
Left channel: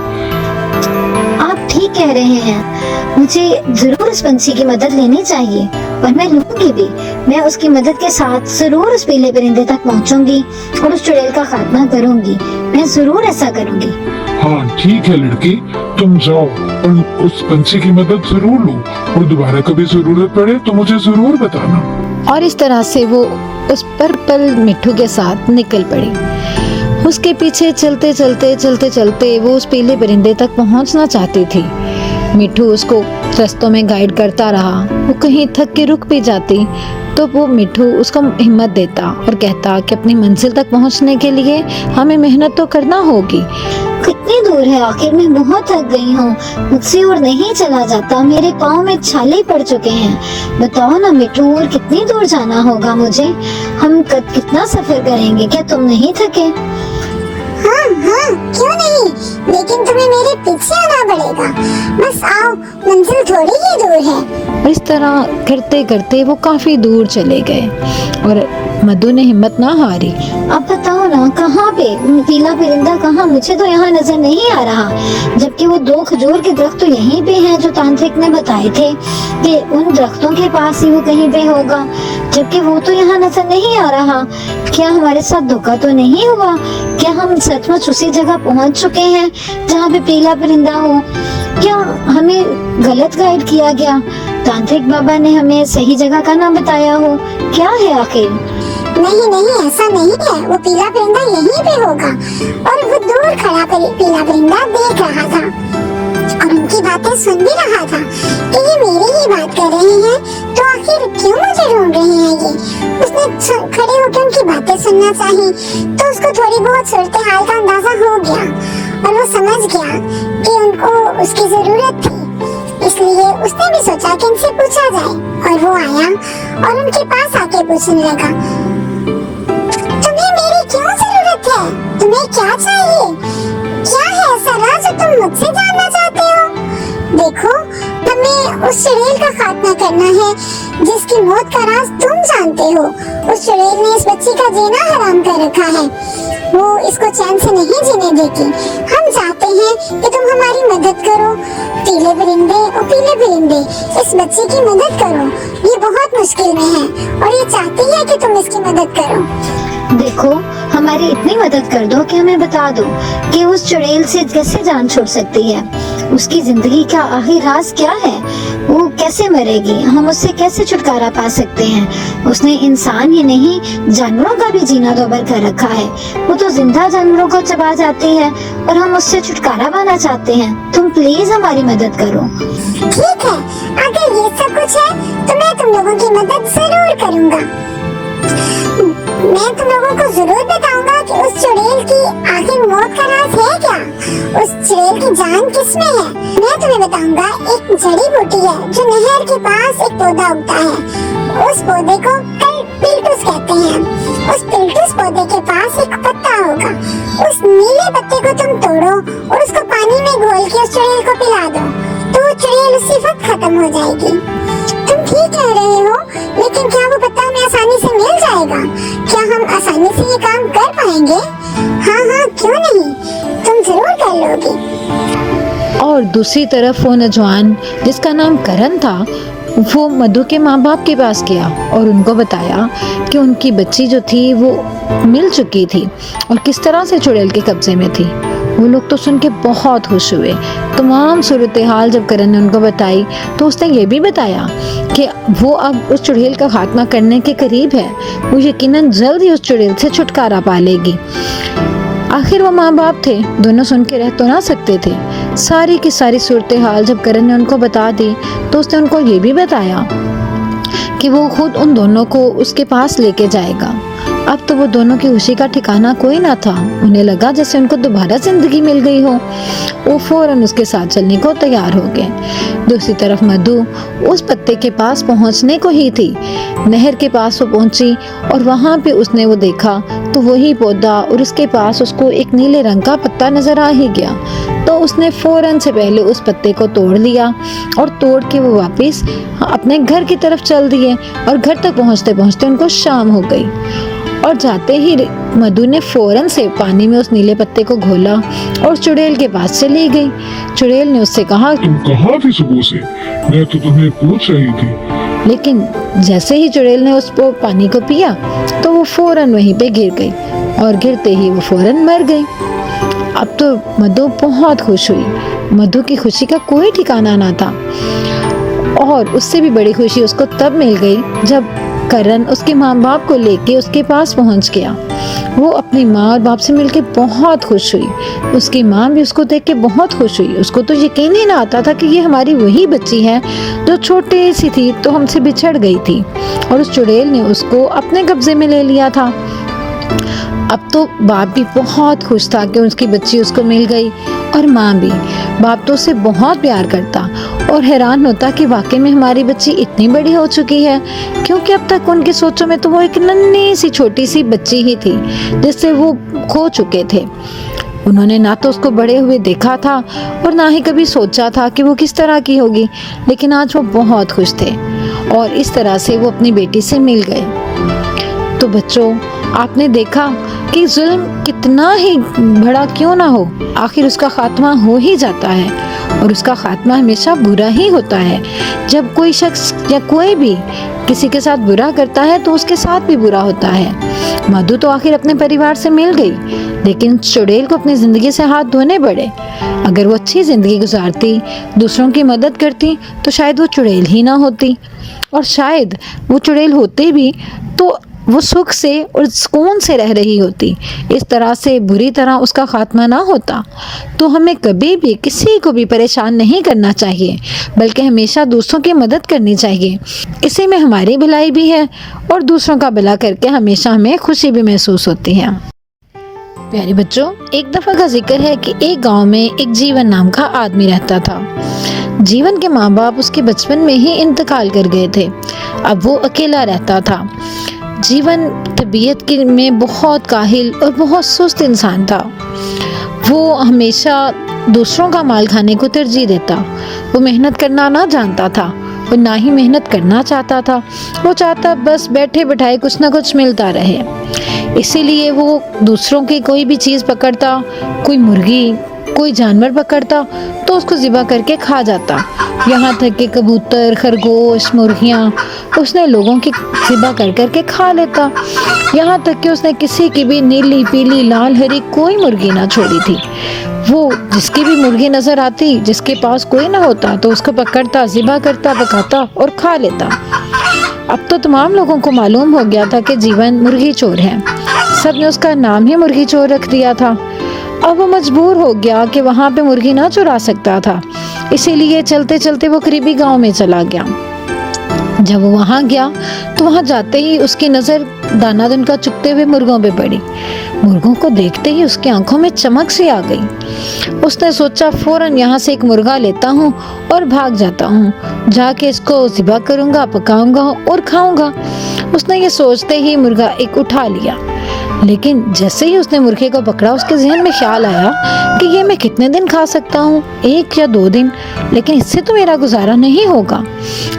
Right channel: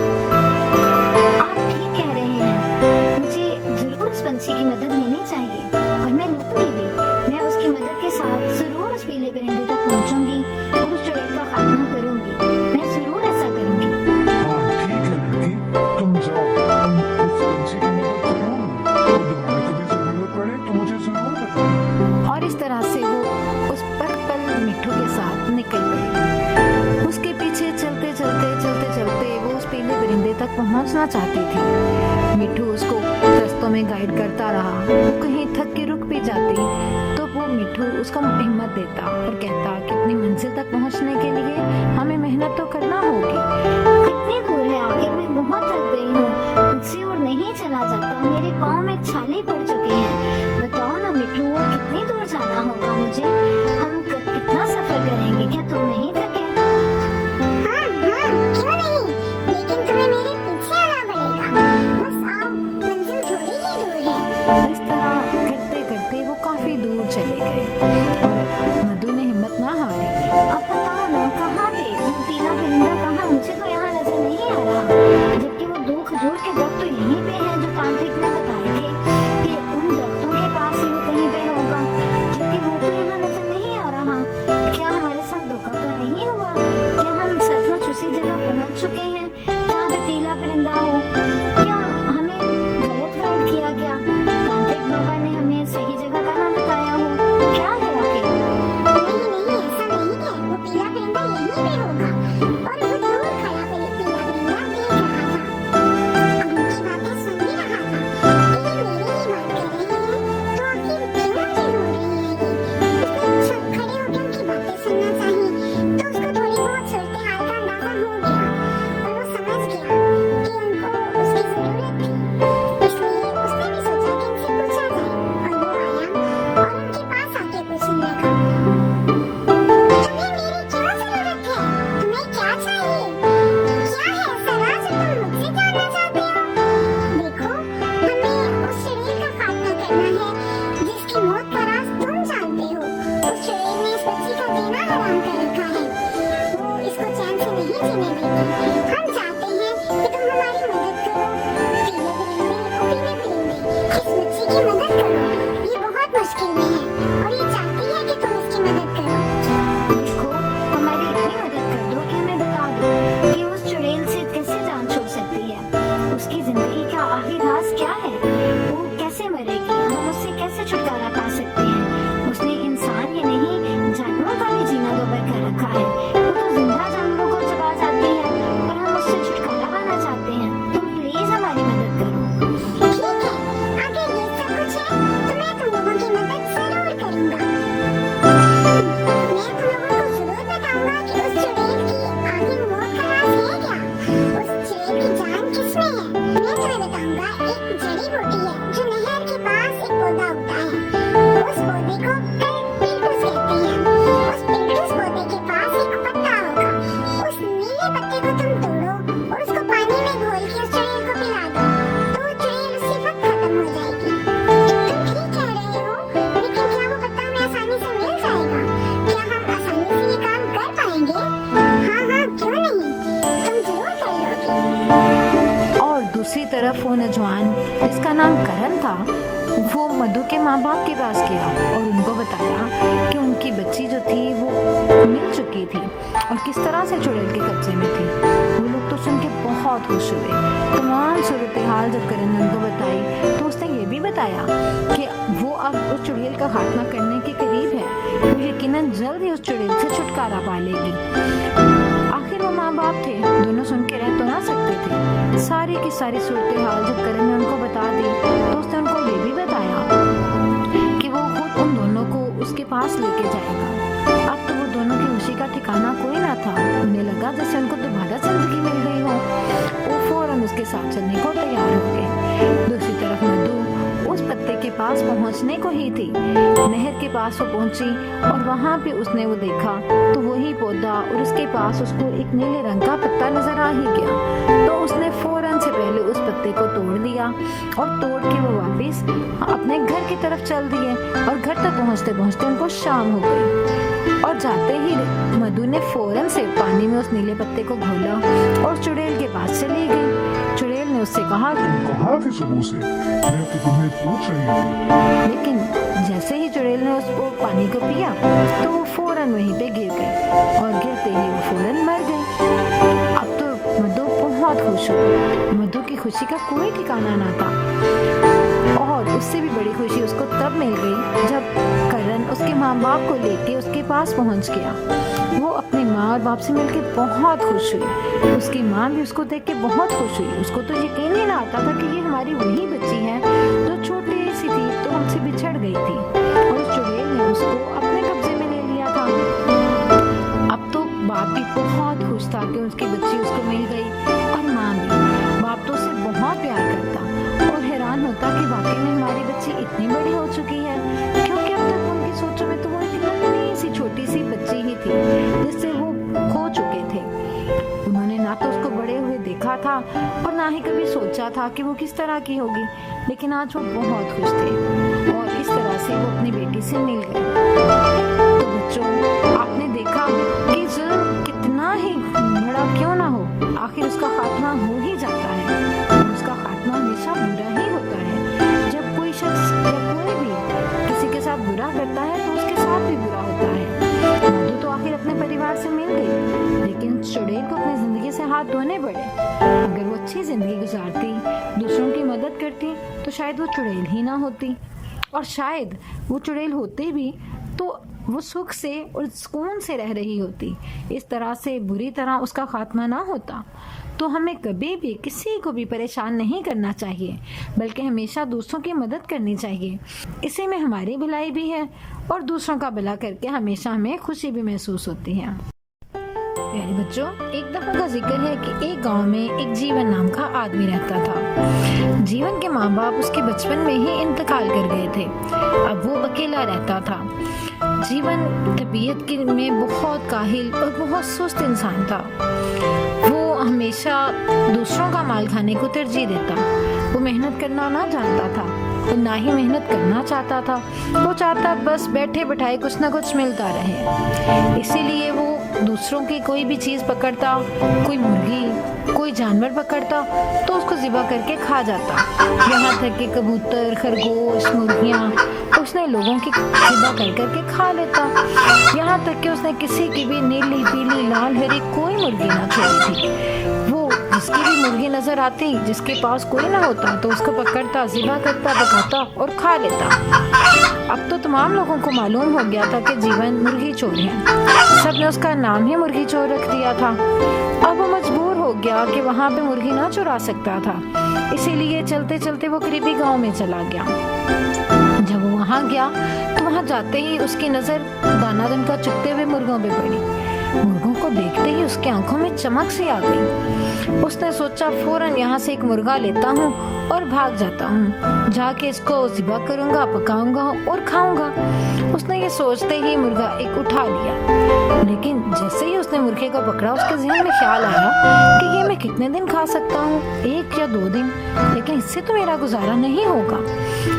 आप ठीक कह रहे हैं, मुझे जरूर उस पंछी की मदद लेनी चाहिए और मैं लूंगी भी। मैं उसकी मदद के साथ जरूर उस पीले परिंदे तक पहुंचूंगी और उस चुड़ैल का खात्मा करूंगी। मैं जरूर ऐसा करूंगी। हाँ ठीक है लड़की, तुम जाओ और उस पंछी की मदद जरूर लो, और दोबारा कभी जरूरत पड़े तो मुझे जरूर बताना। और इस तरह से वो उस पर्पल मिट्ठू के साथ निकल पड़ी। उसके पीछे चलते चलते वो उस पीले परिंदे तक पहुंचना चाहती थी। मिट्ठू उसको रास्तों में गाइड करता रहा। वो कहीं थक के रुक भी जाती तो वो मिट्ठू उसको हिम्मत देता और कहता कि अपनी मंजिल तक पहुंचने के लिए हमें मेहनत तो करना होगी। कितनी दूर है आखिर, मैं बहुत थक गई हूँ, मुझसे और नहीं चला जाता, मेरे पाँव में छाले पड़ चुके हैं। बताओ ना मिट्टू, और कितनी दूर जाना होगा मुझे? हम कितना सफर करेंगे? क्या तुम नहीं थके? हाँ हाँ, क्यों नहीं, लेकिन तुम्हें मेरे पीछे आना पड़ेगा। बस आओ, मंजिल थोड़ी ही दूर है। और इस तरह करते करते वो काफी दूर चले गए और मधु ने हिम्मत ना हारी। अब बताओ ना, कहाँ पे पीला परिंदा कहाँ? मुझे तो यहाँ नजर नहीं आ रहा, जबकि वो 2 खजूर के दरख्त तो यहीं पे हैं जो तांत्रिक ने बताए थे कि उन दरख्तों के पास ही वो कहीं पे होगा, जबकि वो तो यहाँ नजर नहीं आ रहा। क्या हमारे साथ धोखा तो नहीं हुआ? क्या हम सचमुच उसी जगह पहुँच चुके हैं जहाँ पे पीला परिंदा हो? क्या हमें गलत गाइड किया गया? तांत्रिक बाबा ने हमें सही जगह का नाम बताया हो? क्या है आखिर? नहीं नहीं, ऐसा नहीं है, वो पीला परिंदा यहीं पे होगा। और वो दूर खड़ा पीला परिंदा देख रहा था और उनकी बातें सुन भी रहा था कि ये मेरी ही बात कर रहे हैं, तो आखिर क्यों मुझे ढूंढ रहे हैं ये? उसने खड़े होकर उनकी बातें सुनना चाहिए, तो उसको थोड़ी बहुत सूरत हाल का अंदाजा हो गया और वो समझ गया कि उनको उसकी जरूरत थी। इसलिए उसने भी सोचा कि इनसे पूछा जाए और वो आया और उनके पास आके पूछने लगा, तुम्हें मेरी क्यों जरूरत है? तुम्हें क्या चाहिए? क्या है ऐसा राज जो तुम मुझसे जानना चाहते हो? देखो, हमें उस चुड़ैल का खात्मा करना है जिसकी मौत का राज तुम जानते हो। उस चुड़ैल ने इस बच्ची का जीना हराम कर रखा है, वो इसको चैन से नहीं जीने देती। हम चाहते हैं कि तुम हमारी मदद करो। पीले परिंदे और पीले परिंदे, इस बच्ची की मदद करो, ये बहुत मुश्किल में है और ये चाहती है कि तुम इसकी मदद करो। देखो, हमारी इतनी मदद कर दो कि हमें बता दो कि उस चुड़ैल से कैसे जान छूट सकती है, उसकी जिंदगी का आखिर राज क्या है, वो कैसे मरेगी, हम उससे कैसे छुटकारा पा सकते हैं। उसने इंसान ही नहीं जानवरों का भी जीना दोबर कर रखा है, वो तो जिंदा जानवरों को चबा जाती है और हम उससे छुटकारा पाना चाहते हैं। तुम प्लीज हमारी मदद करो। ठीक है, अगर ये सब कुछ है तो मैं तुम लोगों की मदद जरूर करूंगा। मैं तुम लोगों को जरूर बताऊंगा कि उस चुड़ैल की आखिर मौत का राज है क्या, उस चुड़ैल की जान किसमें है। मैं तुम्हें बताऊंगा, एक जड़ी बूटी है जो नहर के पास एक पौधा उगता है, उस पौधे को पिल्टूस कहते हैं। उस पिल्टूस पौधे के पास एक पत्ता होगा, उस नीले पत्ते को तुम तोड़ो और उसको पानी में घोल के उस चुड़ैल को पिला दो, तो वो चुड़ैल उसी वक्त खत्म हो जाएगी। तुम ठीक कह रहे हो, लेकिन क्या वो पत्ता हमें आसानी से मिल जाएगा? क्या हम आसानी से ये काम कर पाएंगे? हाँ हाँ, क्यों नहीं, तुम जरूर कर लोगे। और दूसरी तरफ वो नौजवान जिसका नाम करण था, वो मधु के माँ बाप के पास गया और उनको बताया कि उनकी बच्ची जो थी वो मिल चुकी थी और किस तरह से चुड़ैल के कब्जे में थी। वो लोग तो सुन के बहुत खुश हुए। तमाम सूरत हाल जब करण ने उनको बताई तो उसने ये भी बताया कि वो अब उस चुड़ैल का खात्मा करने के करीब है, वो यकीनन जल्द ही उस चुड़ैल से छुटकारा पा लेगी। आखिर वो माँ बाप थे, दोनों सुन के रह तो ना सकते थे। सारी की सारी सूरत हाल जब करण ने उनको बता दी तो उसने उनको ये भी बताया कि वो खुद उन दोनों को उसके पास लेके जाएगा। अब तो वो दोनों की खुशी का ठिकाना कोई ना था। उन्हें लगा जैसे उनको दोबारा जिंदगी मिल गई हो। वो फौरन उसके साथ चलने को तैयार हो गए। दूसरी तरफ मधु उस पत्ते के पास पहुंचने को ही थी। नहर के पास वो पहुंची और वहां पे उसने वो देखा तो वही पौधा और उसके पास उसको एक नीले रंग का पत्ता नजर आ ही गया। तो उसने फौरन से पहले उस पत्ते को तोड़ लिया और तोड़ के वो वापस अपने घर की तरफ चल दिए और घर तक पहुंचते पहुंचते उनको शाम हो गई। और जाते ही मधु ने फौरन से पानी में उस नीले पत्ते को घोला और चुड़ैल के पास चली गई। चुड़ैल ने उससे कहा, तुम कहाँ थी सुबह से? मैं तो तुम्हें पूछ रही थी। लेकिन जैसे ही चुड़ैल ने उस पानी को पिया तो वो फौरन वहीं पे गिर गई और गिरते ही वो फौरन मर गई। अब तो मधु बहुत खुश हुई। मधु की खुशी का कोई ठिकाना ना था और उससे भी बड़ी खुशी उसको तब मिल गई जब करण उसके माँ बाप को लेके उसके पास पहुंच गया। वो अपनी माँ और बाप से मिलके बहुत खुश हुई। उसकी माँ भी उसको देख के बहुत खुश हुई। उसको तो यकीन ही ना आता था कि ये हमारी वही बच्ची है जो छोटी सी थी तो हमसे बिछड़ गई थी और उस चुड़ैल ने उसको अपने कब्जे में ले लिया था। अब तो बाप भी बहुत खुश था कि उसकी बच्ची उसको मिल गई और माँ भी। बाप तो उसे बहुत प्यार करता और हैरान होता कि वाकई में हमारी बच्ची इतनी बड़ी हो चुकी है, क्योंकि अब तक उनकी सोचों में तो वो एक नन्ही सी छोटी सी बच्ची ही थी जिससे वो खो चुके थे। उन्होंने ना तो उसको बड़े हुए देखा था और ना ही कभी सोचा था कि वो किस तरह की होगी, लेकिन आज वो बहुत खुश थे और इस तरह से वो अपनी बेटी से मिल गए। तो बच्चों, आपने देखा कि जुल्म कितना ही बड़ा क्यों ना हो, आखिर उसका खात्मा हो ही जाता है और उसका खात्मा हमेशा बुरा ही होता है। जब कोई शख्स या कोई भी किसी के साथ बुरा करता है तो उसके साथ भी बुरा होता है। मधु तो आखिर अपने परिवार से मिल गई, लेकिन चुड़ैल को अपनी जिंदगी से हाथ धोने पड़े। अगर वो अच्छी जिंदगी गुजारती, दूसरों की मदद करती तो शायद वो चुड़ैल ही ना होती, और शायद वो चुड़ैल होते भी तो वो सुख से और सुकून से रह रही होती। इस तरह से बुरी तरह उसका खात्मा ना होता। तो हमें कभी भी किसी को भी परेशान नहीं करना चाहिए, बल्कि हमेशा दूसरों की मदद करनी चाहिए। इसी में हमारी भलाई भी है और दूसरों का भला करके हमेशा हमें खुशी भी महसूस होती है। प्यारे बच्चों, एक दफा का जिक्र है कि एक गांव में एक जीवन नाम का आदमी रहता था। जीवन के माँ बाप उसके बचपन में ही इंतकाल कर गए थे। अब वो अकेला रहता था। जीवन तबीयत में बहुत काहिल और बहुत सुस्त इंसान था। वो हमेशा दूसरों का माल खाने को तरजीह देता। वो मेहनत करना ना जानता था और ना ही मेहनत करना चाहता था। वो चाहता बस बैठे बैठाए कुछ ना कुछ मिलता रहे। इसीलिए वो दूसरों की कोई भी चीज़ पकड़ता, कोई मुर्गी, कोई जानवर पकड़ता तो उसको ज़िबा करके खा जाता। यहाँ तक कि कबूतर, खरगोश, मुर्गियाँ उसने लोगों की ज़िबा कर करके खा लेता। यहाँ तक कि उसने किसी की भी नीली, पीली, लाल, हरी कोई मुर्गी ना छोड़ी थी। वो जिसकी भी मुर्गी नजर आती, जिसके पास कोई ना होता तो उसको पकड़ता, ज़िबा करता, पकाता और खा लेता। अब तो तमाम लोगों को मालूम हो गया था कि जीवन मुर्गी चोर है। सबने उसका नाम ही मुर्गी चोर रख दिया था। अब वो मजबूर हो गया कि वहाँ पे मुर्गी ना चुरा सकता था, इसीलिए चलते चलते वो करीबी गांव में चला गया। जब वो वहाँ गया तो वहाँ जाते ही उसकी नज़र दाना दनका चुगते हुए मुर्गों पे पड़ी। मुर्गों को देखते ही उसकी आंखों में चमक सी आ गई। उसने सोचा फौरन यहाँ से एक मुर्गा लेता हूँ और भाग जाता हूँ। जाके इसको ज़िबा करूँगा, पकाऊंगा और खाऊंगा। उसने ये सोचते ही मुर्गा एक उठा लिया, लेकिन जैसे ही उसने मुर्गे को पकड़ा उसके जहन में ख्याल आया कि ये मैं कितने दिन खा सकता हूँ, 1 या 2 दिन, लेकिन इससे तो मेरा गुजारा नहीं होगा।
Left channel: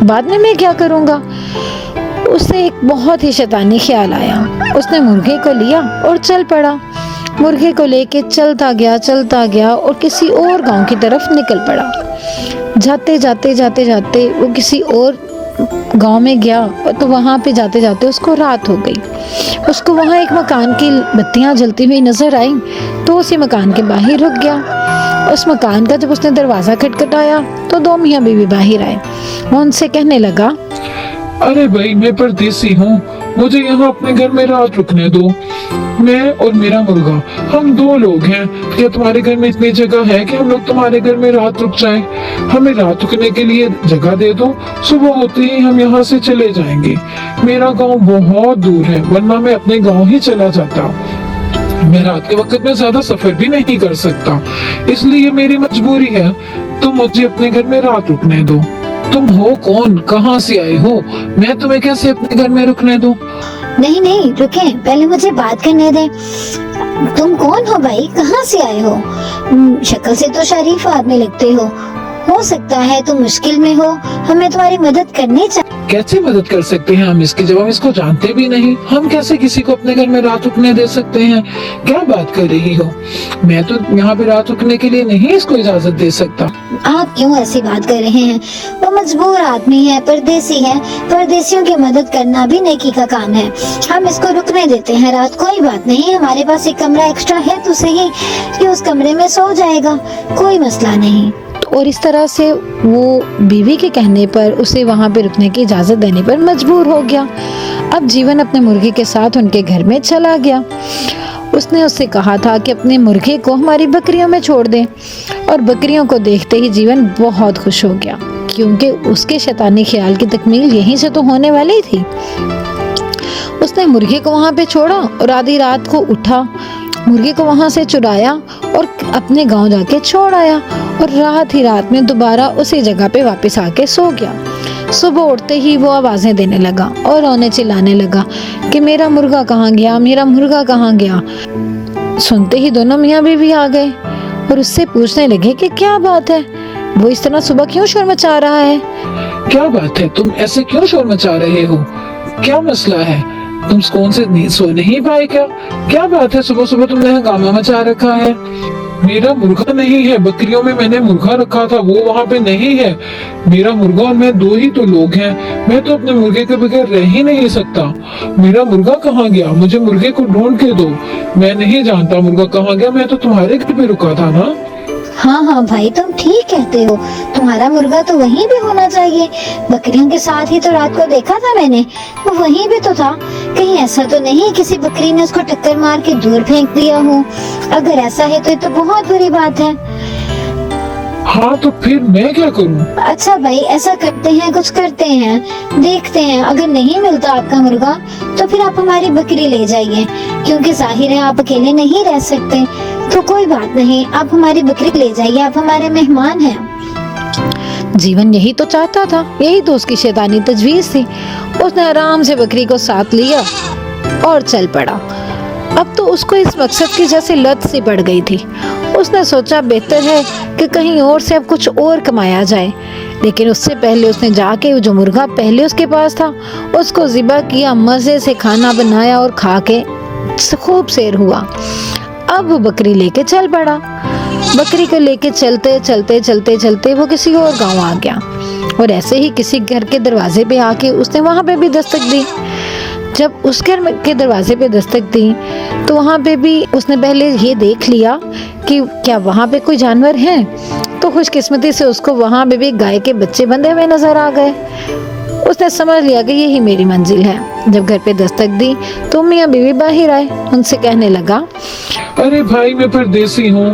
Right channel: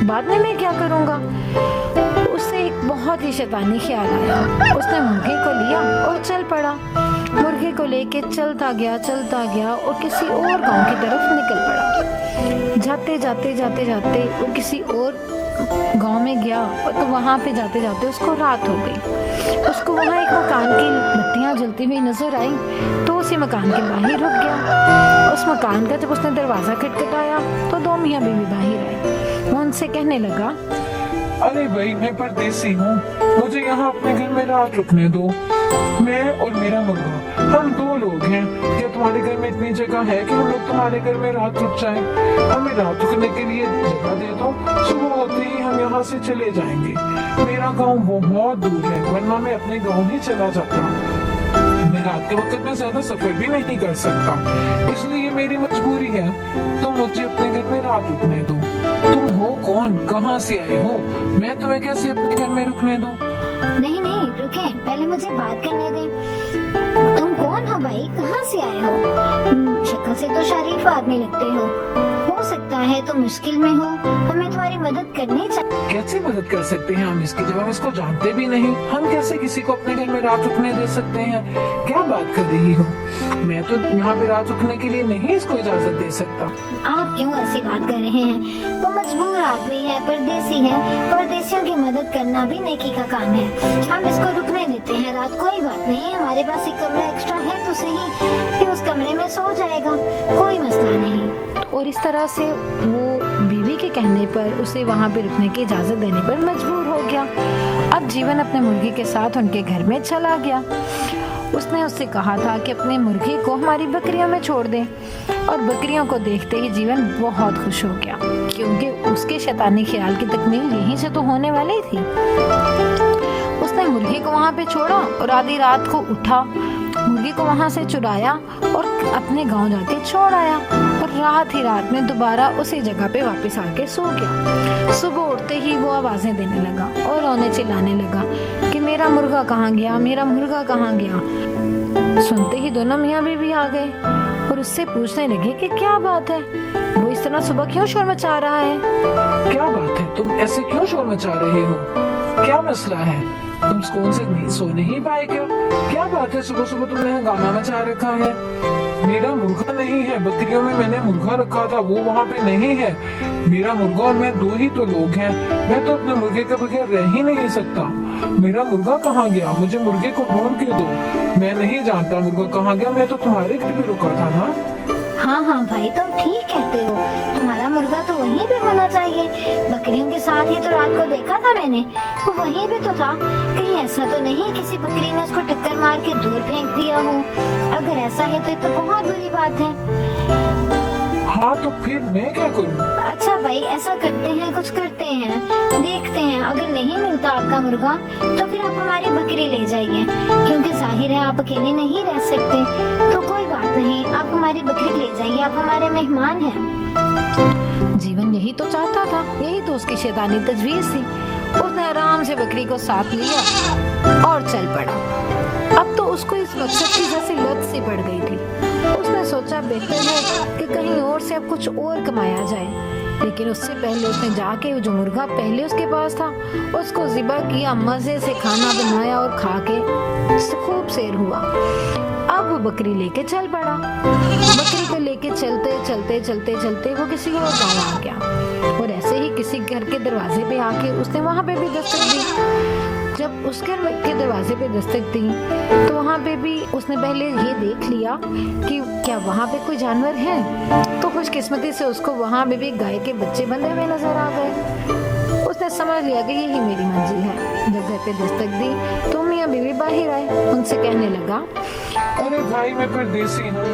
बाद में मैं क्या करूँगा। उसे एक बहुत ही शैतानी ख्याल आया। उसने मुर्गे को लिया और चल पड़ा। मुर्गे को लेके चलता गया और किसी और गांव की तरफ निकल पड़ा। जाते जाते वो किसी और गांव में गया तो वहां पे जाते जाते उसको रात हो गई। उसको वहां एक मकान की बत्तियां जलती हुई नजर आई तो उसी मकान के बाहर रुक गया। उस मकान का जब उसने दरवाजा खटखटाया तो 2 मियाँ बीवी बाहर आए। वो उनसे कहने लगा, अरे भाई, मैं परदेसी हूँ, मुझे यहाँ अपने घर में रात रुकने दो। मैं और मेरा मुर्गा, हम 2 लोग हैं। क्या तुम्हारे घर में इतनी जगह है कि हम लोग तुम्हारे घर में रात रुक जाएं? हमें रात रुकने के लिए जगह दे दो, सुबह होते ही हम यहाँ से चले जाएंगे। मेरा गांव बहुत दूर है, वरना मैं अपने गांव ही चला जाता। मैं रात के वक्त में ज्यादा सफर भी नहीं कर सकता, इसलिए मेरी मजबूरी है। तुम मुझे अपने घर में रात रुकने दो। तुम हो कौन, कहाँ से आए हो? मैं तुम्हें कैसे अपने घर में रुकने दूं? नहीं नहीं, रुके, पहले मुझे बात करने दे। तुम कौन हो भाई, कहाँ से आए हो? शक्ल से तो शरीफ आदमी लगते हो सकता है तुम मुश्किल में हो, हमें तुम्हारी मदद करनी चाहिए। कैसे मदद कर सकते हैं हम इसकी, जब हम इसको जानते भी नहीं? हम कैसे किसी को अपने घर में रात रुकने दे सकते हैं? क्या बात कर रही हो? मैं तो यहाँ पे रात रुकने के लिए नहीं इसको इजाजत दे सकता। आप क्यों ऐसी बात कर रहे हैं? वो मजबूर आदमी है, परदेसी है, परदेसियों की मदद करना भी नेकी का काम है। हम इसको रुकने देते हैं रात, कोई बात नहीं। हमारे पास एक कमरा एक्स्ट्रा है तो सही कि उस कमरे में सो जाएगा, कोई मसला नहीं। और इस तरह से वो बीवी के कहने पर उसे वहाँ पे रुकने की इजाज़त देने पर मजबूर हो गया। अब जीवन अपने मुर्गे के साथ उनके घर में चला गया। उसने उससे कहा था कि अपने मुर्गे को हमारी बकरियों में छोड़ दे, और बकरियों को देखते ही जीवन बहुत खुश हो गया, क्योंकि उसके शैतानी ख्याल की तकमील यहीं से तो होने वाली थी। उसने मुर्गे को वहाँ पे छोड़ा और आधी रात को उठा, मुर्गे को वहाँ से चुराया और अपने गांव जाके छोड़ आया, और रात ही रात में दोबारा उसी जगह पे वापस आके सो गया। सुबह उठते ही वो आवाजें देने लगा और रोने चिल्लाने लगा कि मेरा मुर्गा कहाँ गया, मेरा मुर्गा कहाँ गया। सुनते ही दोनों मियाँ बीवी आ गए और उससे पूछने लगे कि क्या बात है, वो इस तरह सुबह क्यों शोर मचा रहा है? क्या बात है, तुम ऐसे क्यों शोर मचा रहे हो? क्या मसला है? तुम कौन से सो नहीं पाए क्या? क्या बात है, सुबह सुबह तुमने हंगामा मचा रखा है? मेरा मुर्गा नहीं है, बकरियों में मैंने मुर्गा रखा था, वो वहाँ पे नहीं है। मेरा मुर्गा और मैं 2 ही तो लोग हैं, मैं तो अपने मुर्गे के बगैर रह ही नहीं सकता। मेरा मुर्गा कहाँ गया? मुझे मुर्गे को ढूंढ के दो। मैं नहीं जानता मुर्गा कहाँ गया, मैं तो तुम्हारे घर पे रुका था ना। हाँ हाँ भाई, तुम ठीक कहते हो, तुम्हारा मुर्गा तो वहीं भी होना चाहिए। बकरियों के साथ ही तो रात को देखा था मैंने, वो वहीं भी तो था। कहीं ऐसा तो नहीं किसी बकरी ने उसको टक्कर मार के दूर फेंक दिया हो? अगर ऐसा है तो ये तो बहुत बुरी बात है। हाँ तो फिर मैं क्या करूँ? अच्छा भाई, ऐसा करते हैं, कुछ करते हैं, देखते हैं। अगर नहीं मिलता आपका मुर्गा तो फिर आप हमारी बकरी ले जाइए, क्योंकि जाहिर है आप अकेले नहीं रह सकते। तो कोई बात नहीं, आप हमारी बकरी ले जाइए, आप हमारे मेहमान हैं। जीवन यही तो चाहता था, यही तो उसकी शैतानी तजवीज थी। उसने आराम से बकरी को साथ लिया और चल पड़ा। अब तो उसको इस मकसद की जैसे लत सी पड़ गई थी। उसने सोचा बेहतर है कि कहीं और से अब कुछ और कमाया जाए, लेकिन उससे पहले उसने जाके जो मुर्गा पहले उसके पास था उसको ज़िबा किया, मजे से खाना बनाया और खा के खूब सैर हुआ। अब वो बकरी लेके चल पड़ा। बकरी को लेके चलते चलते चलते चलते वो किसी और गांव आ गया, और ऐसे ही किसी घर के दरवाजे पे आके उसने वहां पे भी दस्तक दी। जब उस घर के दरवाजे पे दस्तक दी तो वहाँ पे भी उसने पहले ये देख लिया कि क्या वहाँ पे कोई जानवर हैं। तो खुशकिस्मती से उसको वहाँ पे भी गाय के बच्चे बंधे हुए नजर आ गए। उसने समझ लिया कि यही मेरी मंजिल है। जब घर पे दस्तक दी तो मियाँ बीवी बाहर आए, उनसे कहने लगा, अरे भाई, मैं परदेसी हूँ,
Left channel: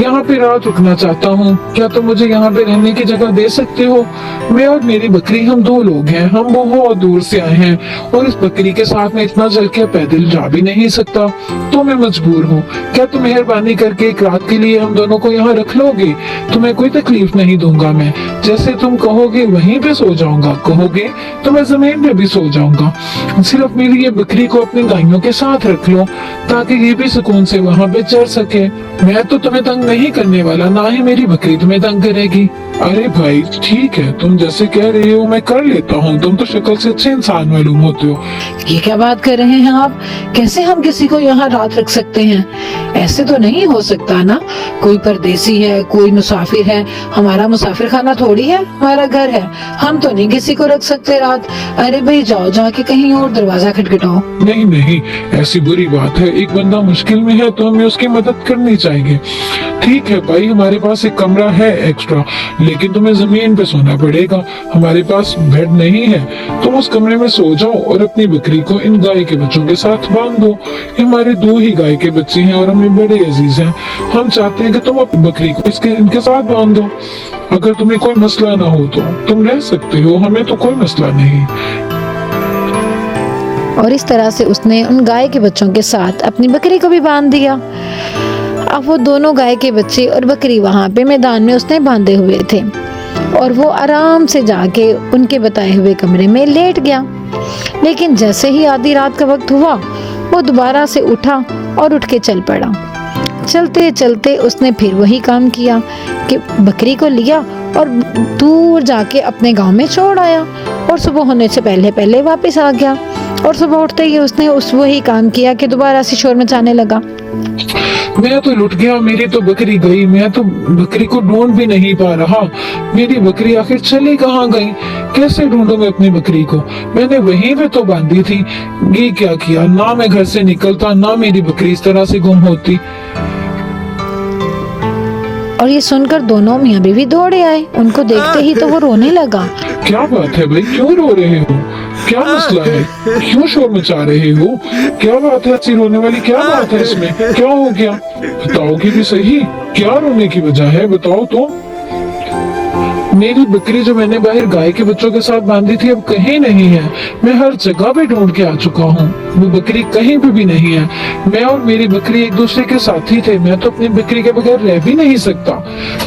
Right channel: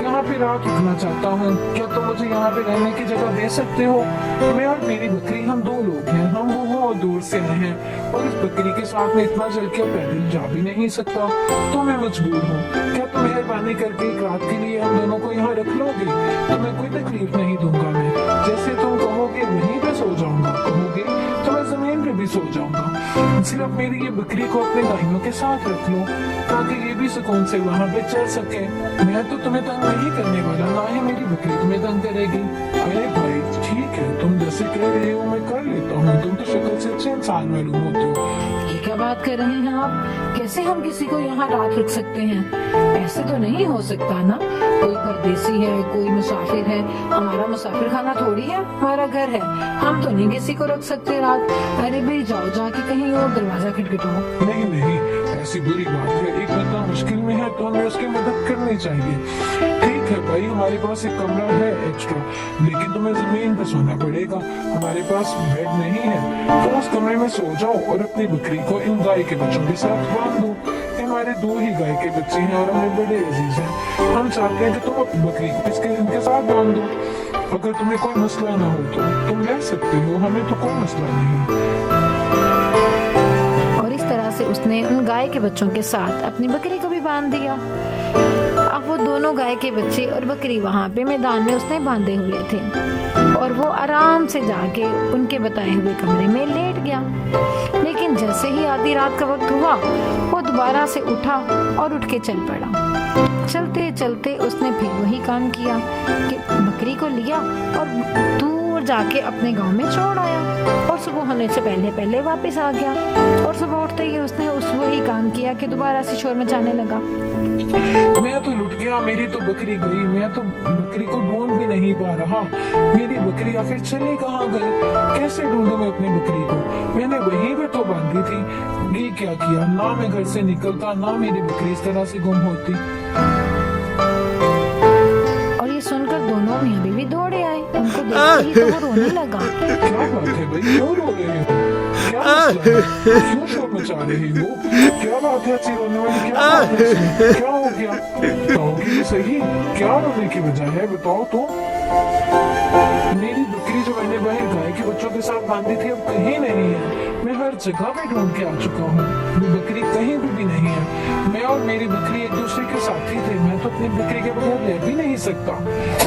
यहाँ पे रात रुकना चाहता हूँ, क्या तुम मुझे यहाँ पे रहने की जगह दे सकते हो? मैं और मेरी बकरी, हम 2 लोग हैं, हम बहुत दूर से आए हैं, और इस बकरी के साथ में इतना चल के पैदल जा भी नहीं सकता, तो मैं मजबूर हूँ। क्या तुम मेहरबानी करके एक रात के लिए हम दोनों को यहाँ रख लोगे? तुम्हें कोई तकलीफ नहीं दूंगा मैं, जैसे तुम कहोगे वहीं पे सो जाऊंगा, कहोगे तो मैं जमीन पे भी सो जाऊंगा। सिर्फ मेरी ये बकरी को अपनी गायों के साथ रख लो, ताकि ये भी सुकून से वहाँ पे चर सके। मैं तो तुम्हें तंग नहीं करने वाला, ना ही मेरी बकरी तुम्हें तंग करेगी। अरे भाई ठीक है, तुम जैसे कह रहे हो मैं कर लेता हूँ, तुम तो शक्ल से अच्छे इंसान मालूम होते हो। ये क्या बात कर रहे हैं आप? कैसे हम किसी को यहाँ रात रख सकते हैं? ऐसे तो नहीं हो सकता ना, कोई परदेसी है, कोई मुसाफिर है, हमारा मुसाफिर खाना थोड़ी है, हमारा घर है, हम तो नहीं किसी को रख सकते रात। अरे भाई जाओ, जाके कहीं और दरवाजा खटखटाओ। नहीं नहीं, ऐसी बुरी बात है, एक बंदा मुश्किल में है तो हमें उसकी मदद करनी चाहिए। ठीक है भाई, हमारे पास एक कमरा है एक्स्ट्रा, लेकिन तुम्हें जमीन पे सोना पड़ेगा, हमारे पास बेड नहीं है। तुम उस कमरे में सो जाओ और अपनी बकरी को इन गाय के बच्चों के साथ बांध दो। ये हमारे 2 ही गाय के बच्चे हैं और हमें बड़े अजीज हैं। हम चाहते हैं कि तुम अपनी बकरी को इनके साथ बांध दो। अगर तुम्हें कोई मसला ना हो तो तुम रह सकते हो, हमें तो कोई मसला नहीं। और इस तरह से उसने उन गाय के बच्चों के साथ अपनी बकरी को भी बांध दिया। अब वो दोनों गाय के बच्चे और बकरी वहां पे मैदान में उसने बांधे हुए थे और वो आराम से जाके उनके बताए हुए कमरे में लेट गया। लेकिन जैसे ही आधी रात का वक्त हुआ, वो दोबारा से उठा और उठ के चल पड़ा। चलते चलते उसने फिर वही काम किया कि बकरी को लिया और दूर जाके अपने गांव में छोड़ आया और सुबह होने से पहले पहले वापस आ गया। और सुबह उठते ही उसने वही काम किया कि दोबारा से शोर मचाने लगा। मैं तो लुट गया, मेरी तो बकरी गई, मैं तो बकरी को ढूंढ भी नहीं पा रहा। मेरी बकरी आखिर चली कहाँ गई? कैसे ढूंढूं मैं अपनी बकरी को? मैंने वहीं पे तो बांधी थी। ये क्या किया, ना मैं घर से निकलता, ना मेरी बकरी इस तरह से गुम होती। और ये सुनकर दोनों मियाँ बीवी दौड़े आए। उनको देखते ही तो वो रोने लगा। क्या बात है भाई, क्यों रो रहे हो? क्या मसला है? क्यों शोर मचा रहे हो? क्या बात है, ऐसी रोने वाली क्या बात है इसमें? क्या हो गया? बताओगे भी सही, क्या रोने की वजह है, बताओ तो। मेरी बकरी जो मैंने बाहर गाय के बच्चों के साथ बांधी थी अब कहीं नहीं है। मैं हर जगह पे ढूंढ के आ चुका हूँ, वो बकरी कहीं पे भी नहीं है। मैं और मेरी बकरी एक दूसरे के साथी थे, मैं तो अपनी बकरी के बगैर रह भी नहीं सकता।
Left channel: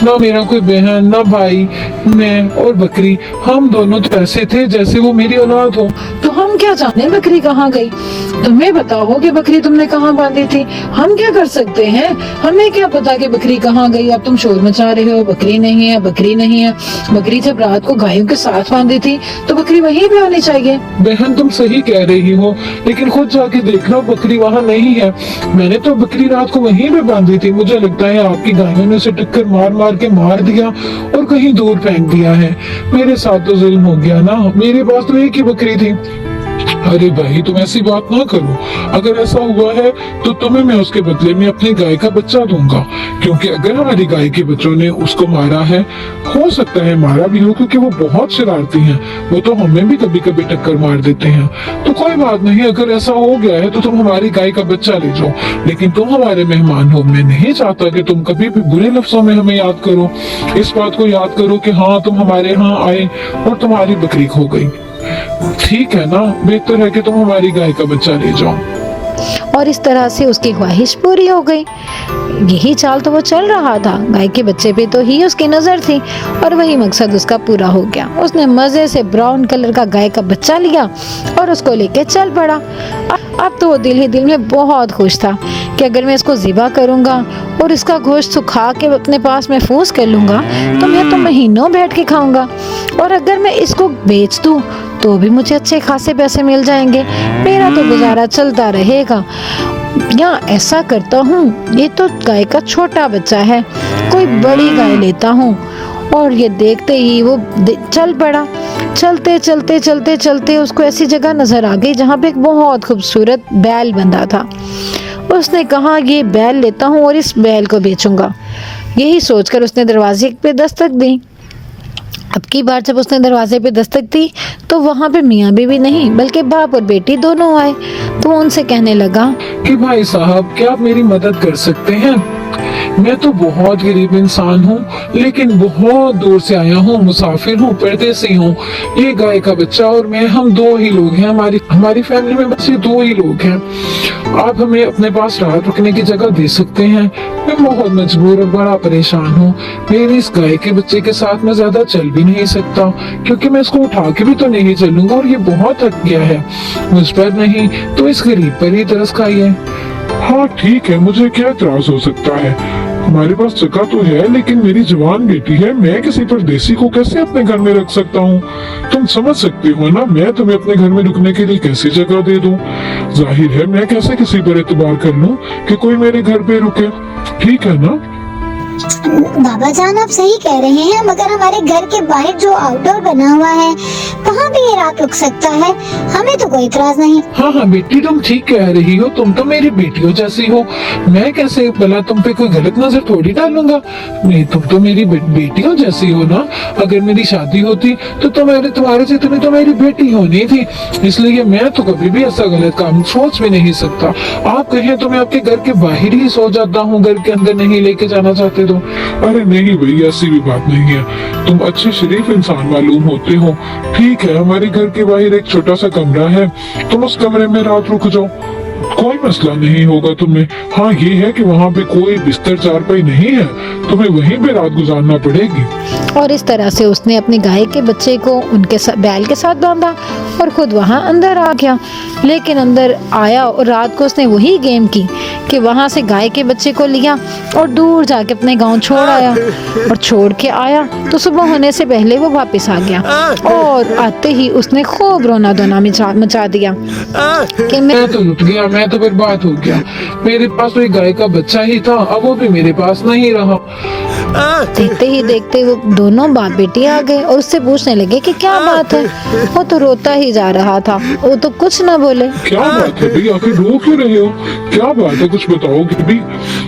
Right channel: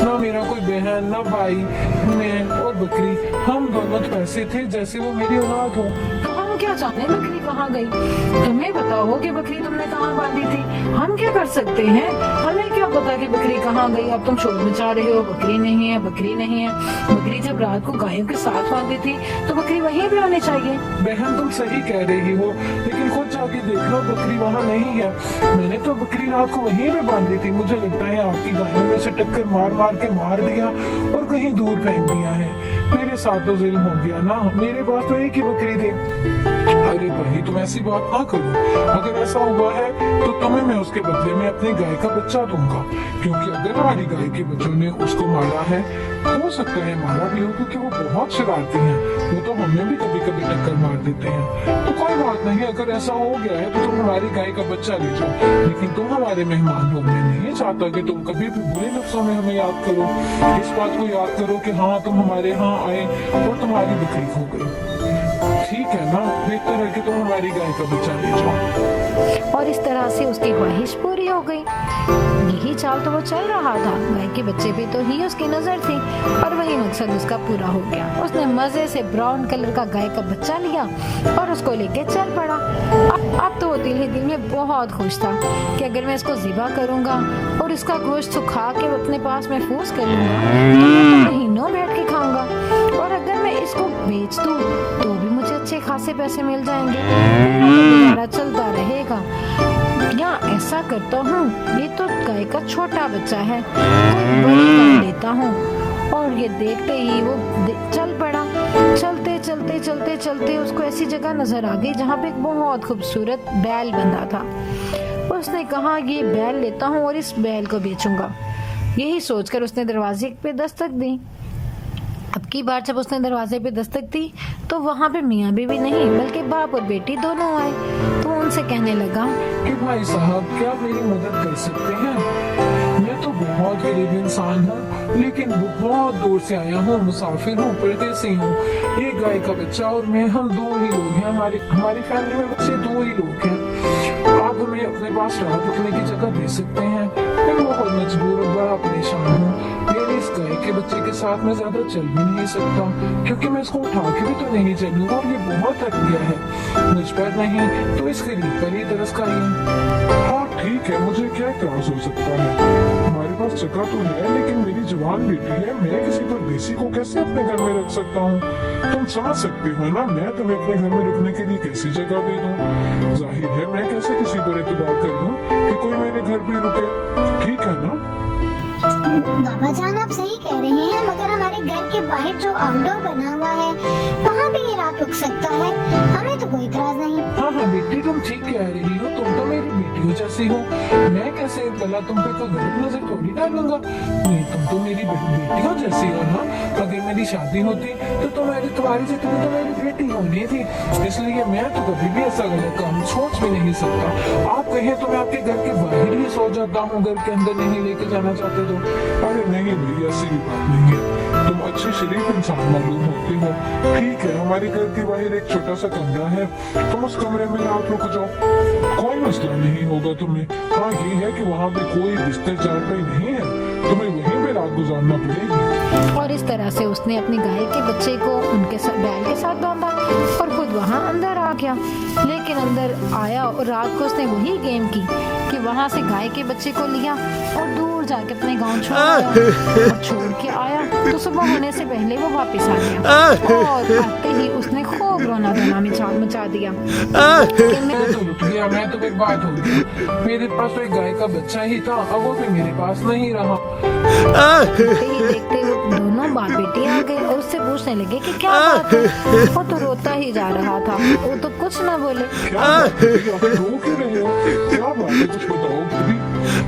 ना मेरा कोई बहन, ना भाई, मैं और बकरी, हम दोनों तो ऐसे थे जैसे वो मेरी औलाद हो। तो हम क्या जाने बकरी कहाँ गई? तुम्हें बताओ कि बकरी तुमने कहाँ बांधी थी, हम क्या कर सकते हैं? हमें क्या पता कि बकरी कहाँ गई? अब तुम शोर मचा रहे हो, बकरी नहीं है, बकरी नहीं है। बकरी जब रात को गायों के साथ बांधी थी तो बकरी वहीं पे होनी चाहिए। बहन तुम सही कह रही हो, लेकिन खुद जाके देखना, बकरी वहाँ नहीं है। मैंने तो बकरी रात को वहीं पे बांधी थी। मुझे लगता है आपकी गायों ने उसे टक्कर मार मार के मार दिया और कहीं दूर फेंक दिया है। मेरे साथ तो जुल्म हो गया ना, मेरे पास तो एक ही बकरी थी। अरे भाई तुम ऐसी बात ना करो, अगर ऐसा हुआ है तो तुम्हें मैं उसके बदले में अपनी गाय का बच्चा दूंगा, क्योंकि अगर हमारी गाय के बच्चों ने उसको मारा है, हो सकता है मारा भी हो, क्योंकि वो बहुत शरारती हैं, वो तो हमें भी कभी कभी टक्कर मार देते हैं। तो कोई बात नहीं, अगर ऐसा हो गया है तो तुम हमारी गाय का बच्चा ले जाओ, लेकिन तुम हमारे मेहमान हो। मैं नहीं चाहता कि तुम कभी भी बुरे लफ्जों में हमें याद करो। इस बात को याद करो कि हाँ तुम हमारे यहाँ आए और तुम्हारी बकरी खो गई। ठीक है ना, बेहतर है कि तुम हमारी गाय का बच्चा ले जाओ। और इस तरह से उसकी ख्वाहिश पूरी हो गई। यही चाल तो वो चल रहा था, गाय के बच्चे पे तो ही उसकी नजर थी और वही मकसद उसका पूरा हो गया। उसने मजे से ब्राउन कलर का गाय का बच्चा लिया और उसको लेके चल पड़ा। अब तो वो दिल ही दिल में बहुत खुश था कि अगर मैं इसको ज़िबा करूंगा और इसका गोश्त सुखा के अपने पास महफूज कर लूंगा तो मैं तो महीनों बैठ के खाऊंगा, और अगर मैं इसको बेच दूं तो भी मुझे अच्छे खासे पैसे मिल जाएंगे, मेरा तो गुजारा चलता रहेगा। या ऐसा करता हूँ, ये तो गाय का छोटा बच्चा है, कोई बड़ी गाय लेता हूँ। और ये देखते ही वो चल पड़ा। चलते चलते चलते चलते उसको ऐसी जगह नजर आ गई जहाँ पे एक बहुत खूबसूरत बैल बंधा था। उसने कहा ये बैल लेता हूँ और इस बैल को बेचूंगा। यही सोचकर उसने दरवाजे पे दस्तक दी। अब की बार जब उसने दरवाजे पे दस्तक दी तो वहाँ पे मियाँ बीवी नहीं बल्कि बाप और बेटी दोनों आए। तो वो उनसे कहने लगा कि भाई साहब क्या आप मेरी मदद कर सकते हैं? मैं तो बहुत गरीब इंसान हूँ, लेकिन बहुत दूर से आया हूँ, मुसाफिर हूँ, परदेसी हूँ। ये गाय का बच्चा और मैं, हम 2 ही लोग हैं, हमारी फैमिली में बस ये 2 ही लोग हैं। आप हमें अपने पास रात रुकने की जगह दे सकते हैं? मैं बहुत मजबूर और बड़ा परेशान हूँ। मेरी इस गाय के बच्चे के साथ मैं ज्यादा चल भी नहीं सकता, क्योंकि मैं इसको उठा के भी तो नहीं चलूंगा और ये बहुत थक गया है। मुझ पर नहीं तो इस गरीब पर ही तरस खाइए। हाँ ठीक है, मुझे क्या इतराज हो सकता है। हमारे पास जगह तो है, लेकिन मेरी जवान बेटी है, मैं किसी परदेसी को कैसे अपने घर में रख सकता हूँ? तुम समझ सकती हो ना, मैं तुम्हें अपने घर में रुकने के लिए कैसी जगह दे दूँ? जाहिर है मैं कैसे किसी पर एतबार कर लूँ कि कोई मेरे घर पे रुके? ठीक है ना? बाबा जान आप सही कह रहे हैं, मगर हमारे घर के बाहर जो आउटडोर बना हुआ है वहाँ भी ये रात रुक सकता है, हमें तो कोई इतराज नहीं। हाँ हाँ बेटी, तुम ठीक कह रही हो, तुम तो मेरी बेटियों जैसी हो। मैं कैसे भला तुम पे कोई गलत नजर थोड़ी डालूंगा। नहीं, तुम तो मेरी बेटियों जैसी हो ना। अगर मेरी शादी होती तो तुम्हारे से तुम्हें तो मेरी बेटी होनी थी, इसलिए मैं तो कभी भी ऐसा गलत काम सोच भी नहीं सकता। आप कहें तो मैं आपके घर के बाहर ही सो जाता हूँ, घर के अंदर नहीं लेके जाना चाहते तो। अरे नहीं भैया, ऐसी भी बात नहीं है, तुम अच्छे शरीफ इंसान मालूम होते हो। ठीक है, हमारे घर के बाहर एक छोटा सा कमरा है, तुम उस कमरे में रात रुक जाओ, कोई मसला नहीं होगा तुम्हें। हाँ ये है कि वहाँ पे कोई बिस्तर चारपाई नहीं है, तुम्हें वहीं पे रात गुजारना पड़ेगी। और इस तरह से उसने अपनी गाय के बच्चे को उनके बैल के साथ बांधा और खुद वहाँ अंदर आ गया। लेकिन अंदर आया और रात को उसने वही गेम की कि वहाँ से गाय के बच्चे को लिया और दूर जाके अपने गांव छोड़ आया। और छोड़ के आया तो सुबह होने से पहले वो वापस आ गया और आते ही उसने खूब रोना धोना मचा दिया कि मैं तो लुट गया, मैं तो बर्बाद हो गया। मेरे पास तो एक गाय का बच्चा ही था, अब वो भी मेरे पास नहीं रहा। देखते ही देखते वो दोनों बाप बेटी आ गए और उससे पूछने लगे कि क्या बात है। वो तो रोता ही जा रहा था, वो तो कुछ न बोले। क्या बात है भैया, आखिर रो क्यों रहे हो? क्या बात है, कुछ बताओगे भी?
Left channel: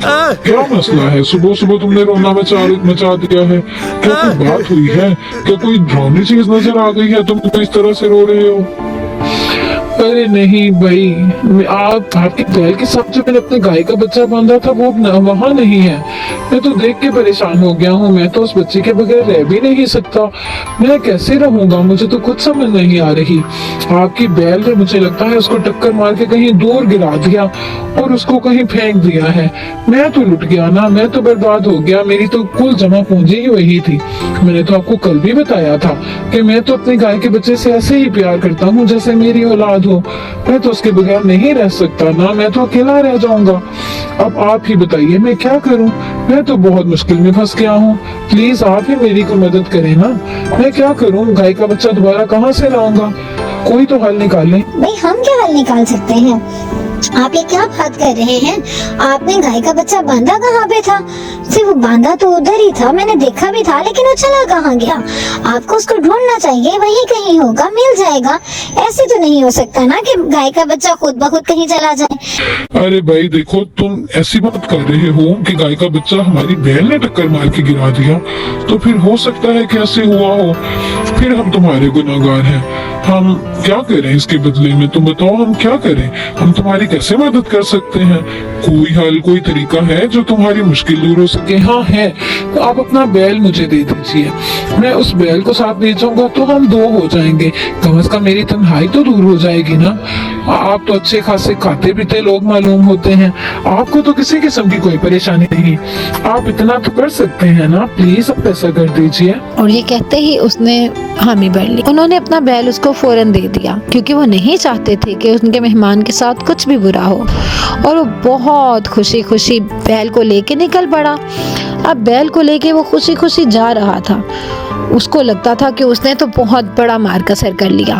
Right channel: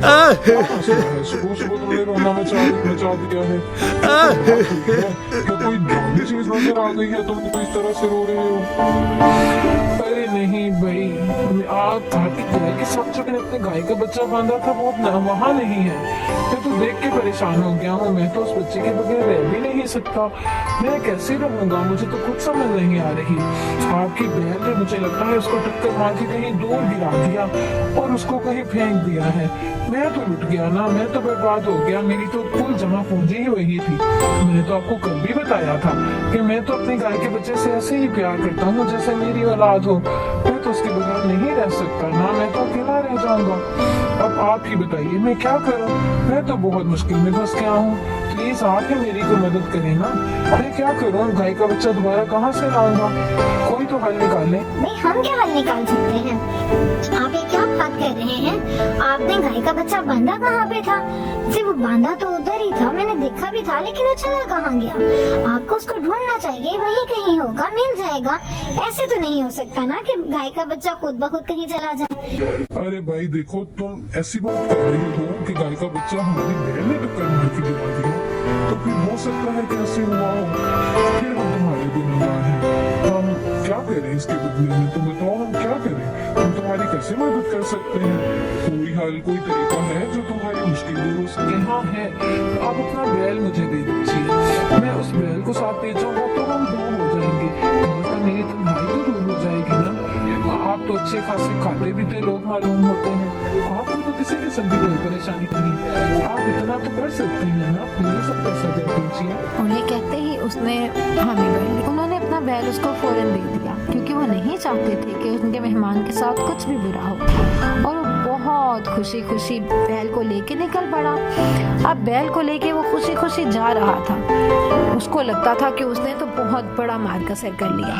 क्या मसला है? सुबह सुबह तुमने रोना मचा दिया है, क्या कोई बात हुई है? क्या कोई डरावनी चीज नजर आ गई है, तुम तो इस तरह से रो रहे हो? अरे नहीं भाई, आपकी गाय के साथ जो मैंने अपने गाय का बच्चा बांधा था वो वहाँ नहीं है। मैं तो देख के परेशान हो गया हूँ, मैं तो उस बच्चे के बगैर रह भी नहीं सकता। मैं कैसे रहूंगा, मुझे तो कुछ समझ नहीं आ रही। आपकी बैल ने मुझे लगता है उसको टक्कर मार के कहीं दूर गिरा दिया और उसको कहीं फेंक दिया है। मैं तो लुट गया ना, मैं तो बर्बाद हो गया। मेरी तो कुल जमा पूंजी ही वही थी। मैंने तो आपको कल भी बताया था कि मैं तो अपनी गाय के बच्चे से ऐसे ही प्यार करता हूँ जैसे मेरी औलाद हो। मैं तो उसके बगैर नहीं रह सकता ना, मैं तो अकेला रह जाऊंगा। अब आप ही बताइए मैं क्या करूं? मैं तो बहुत मुश्किल में फंस गया हूं। प्लीज आप ही मेरी को मदद करें ना। मैं क्या करूं? गाय का बच्चा दोबारा कहां से लाऊंगा? कोई तो हल निकाल ले। भाई हम क्या हल निकाल सकते हैं? आप ये क्या बात कर रहे हैं? आपने गाय का बच्चा बांधा कहाँ पे था? सिर्फ वो बांधा तो उधर ही था, मैंने देखा भी था, लेकिन वो चला कहाँ गया? आपको उसको ढूंढना चाहिए, वहीं कहीं होगा, मिल जाएगा। ऐसे तो नहीं हो सकता ना कि गाय का बच्चा खुद ब खुद कहीं चला जाए। अरे भाई देखो, तुम ऐसी बात कर रहे हो कि गाय का बच्चा हमारी बैल ने टक्कर मार के गिरा दिया, तो फिर हो सकता है कि ऐसे हुआ हो। फिर हम तुम्हारे गुनहगार हैं। हम क्या करें इसके बदले में? तुम बताओ हम क्या करें? हम तुम्हारी कैसे मदद कर सकते हैं? कोई हल, कोई तरीका है जो तुम्हारी मुश्किल दूर हो सके? हाँ है, तो आप अपना बैल मुझे दे दीजिए। मैं उस बैल को साथ ले जाऊंगा तो हम दो हो जाएंगे। कम से कम मेरी तन्हाई तो दूर हो जाएगी ना। आप तो अच्छे खासे खाते पीते लोग मालूम होते हैं, आपको तो किसी किस्म की कोई परेशानी नहीं। आप इतना तो कर सकते हैं ना, प्लीज आप ऐसा कर दीजिए। और ये कहते ही उसने हामी भर ली। उन्होंने अपना बैल उसको फौरन दे दिया क्योंकि वो नहीं चाहते थे कि उनके मेहमान के साथ कुछ भी बुरा हो। और वो बहुत खुशी खुशी बैल को लेके निकल पड़ा। अब बैल को लेके वो खुशी खुशी जा रहा था। उसको लगता था कि उसने तो बहुत बड़ा मार का सर कर लिया।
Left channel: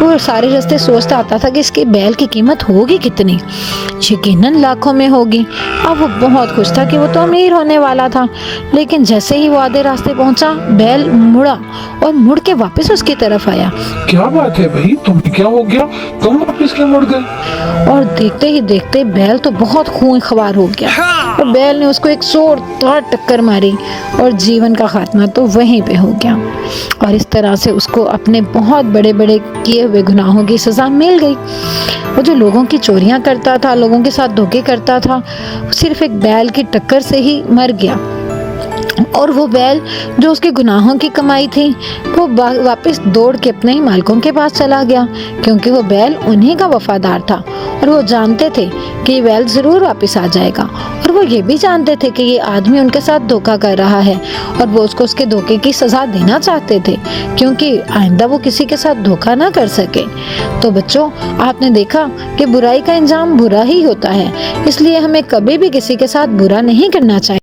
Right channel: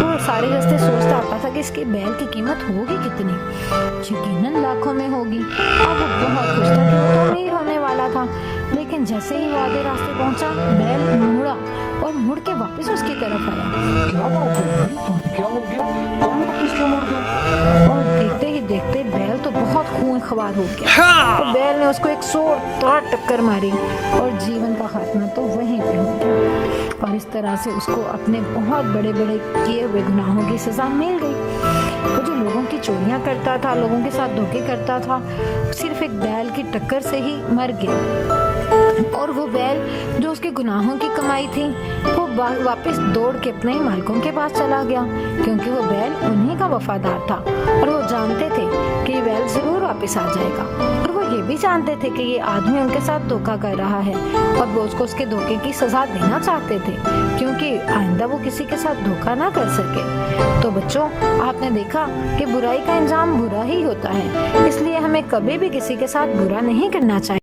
वो सारे रास्ते सोचता आता था कि इसके बैल की कीमत होगी कितनी, यकीनन लाखों में होगी। अब वो बहुत खुश था कि वो तो अमीर होने वाला था। लेकिन जैसे ही वो आधे रास्ते पहुंचा, बैल मुड़ा और मुड़ के वापस उसकी तरफ आया। क्या बात है भाई, तुम्हें क्या हो गया? तुम वापस क्यों मुड़ गए? और देखते ही देखते बैल तो बहुत खून खवार हो गया और बैल ने उसको एक जोरदार टक्कर मारी और जीवन का खात्मा तो वहीं पे हो गया। और इस तरह से उसको अपने बहुत बड़े बड़े किए हुए गुनाहों की सजा मिल गई। वो जो लोगों की चोरियां करता था, लोगों के साथ धोखे करता था, सिर्फ एक बैल की टक्कर से ही मर गया। और वो बैल जो उसके गुनाहों की कमाई थी, वो वापस दौड़ के अपने मालिकों के पास चला गया, क्योंकि वो बैल उन्हीं का वफादार था और वो जानते थे कि ये बैल जरूर वापस आ जाएगा। और वो ये भी जानते थे कि ये आदमी उनके साथ धोखा कर रहा है और वो उसको उसके धोखे की सजा देना चाहते थे, क्योंकि आइंदा वो किसी के साथ धोखा ना कर सके। तो बच्चों, आपने देखा कि बुराई का अंजाम बुरा ही होता है, इसलिए हमें कभी भी किसी के साथ बुरा नहीं करना चाहिए।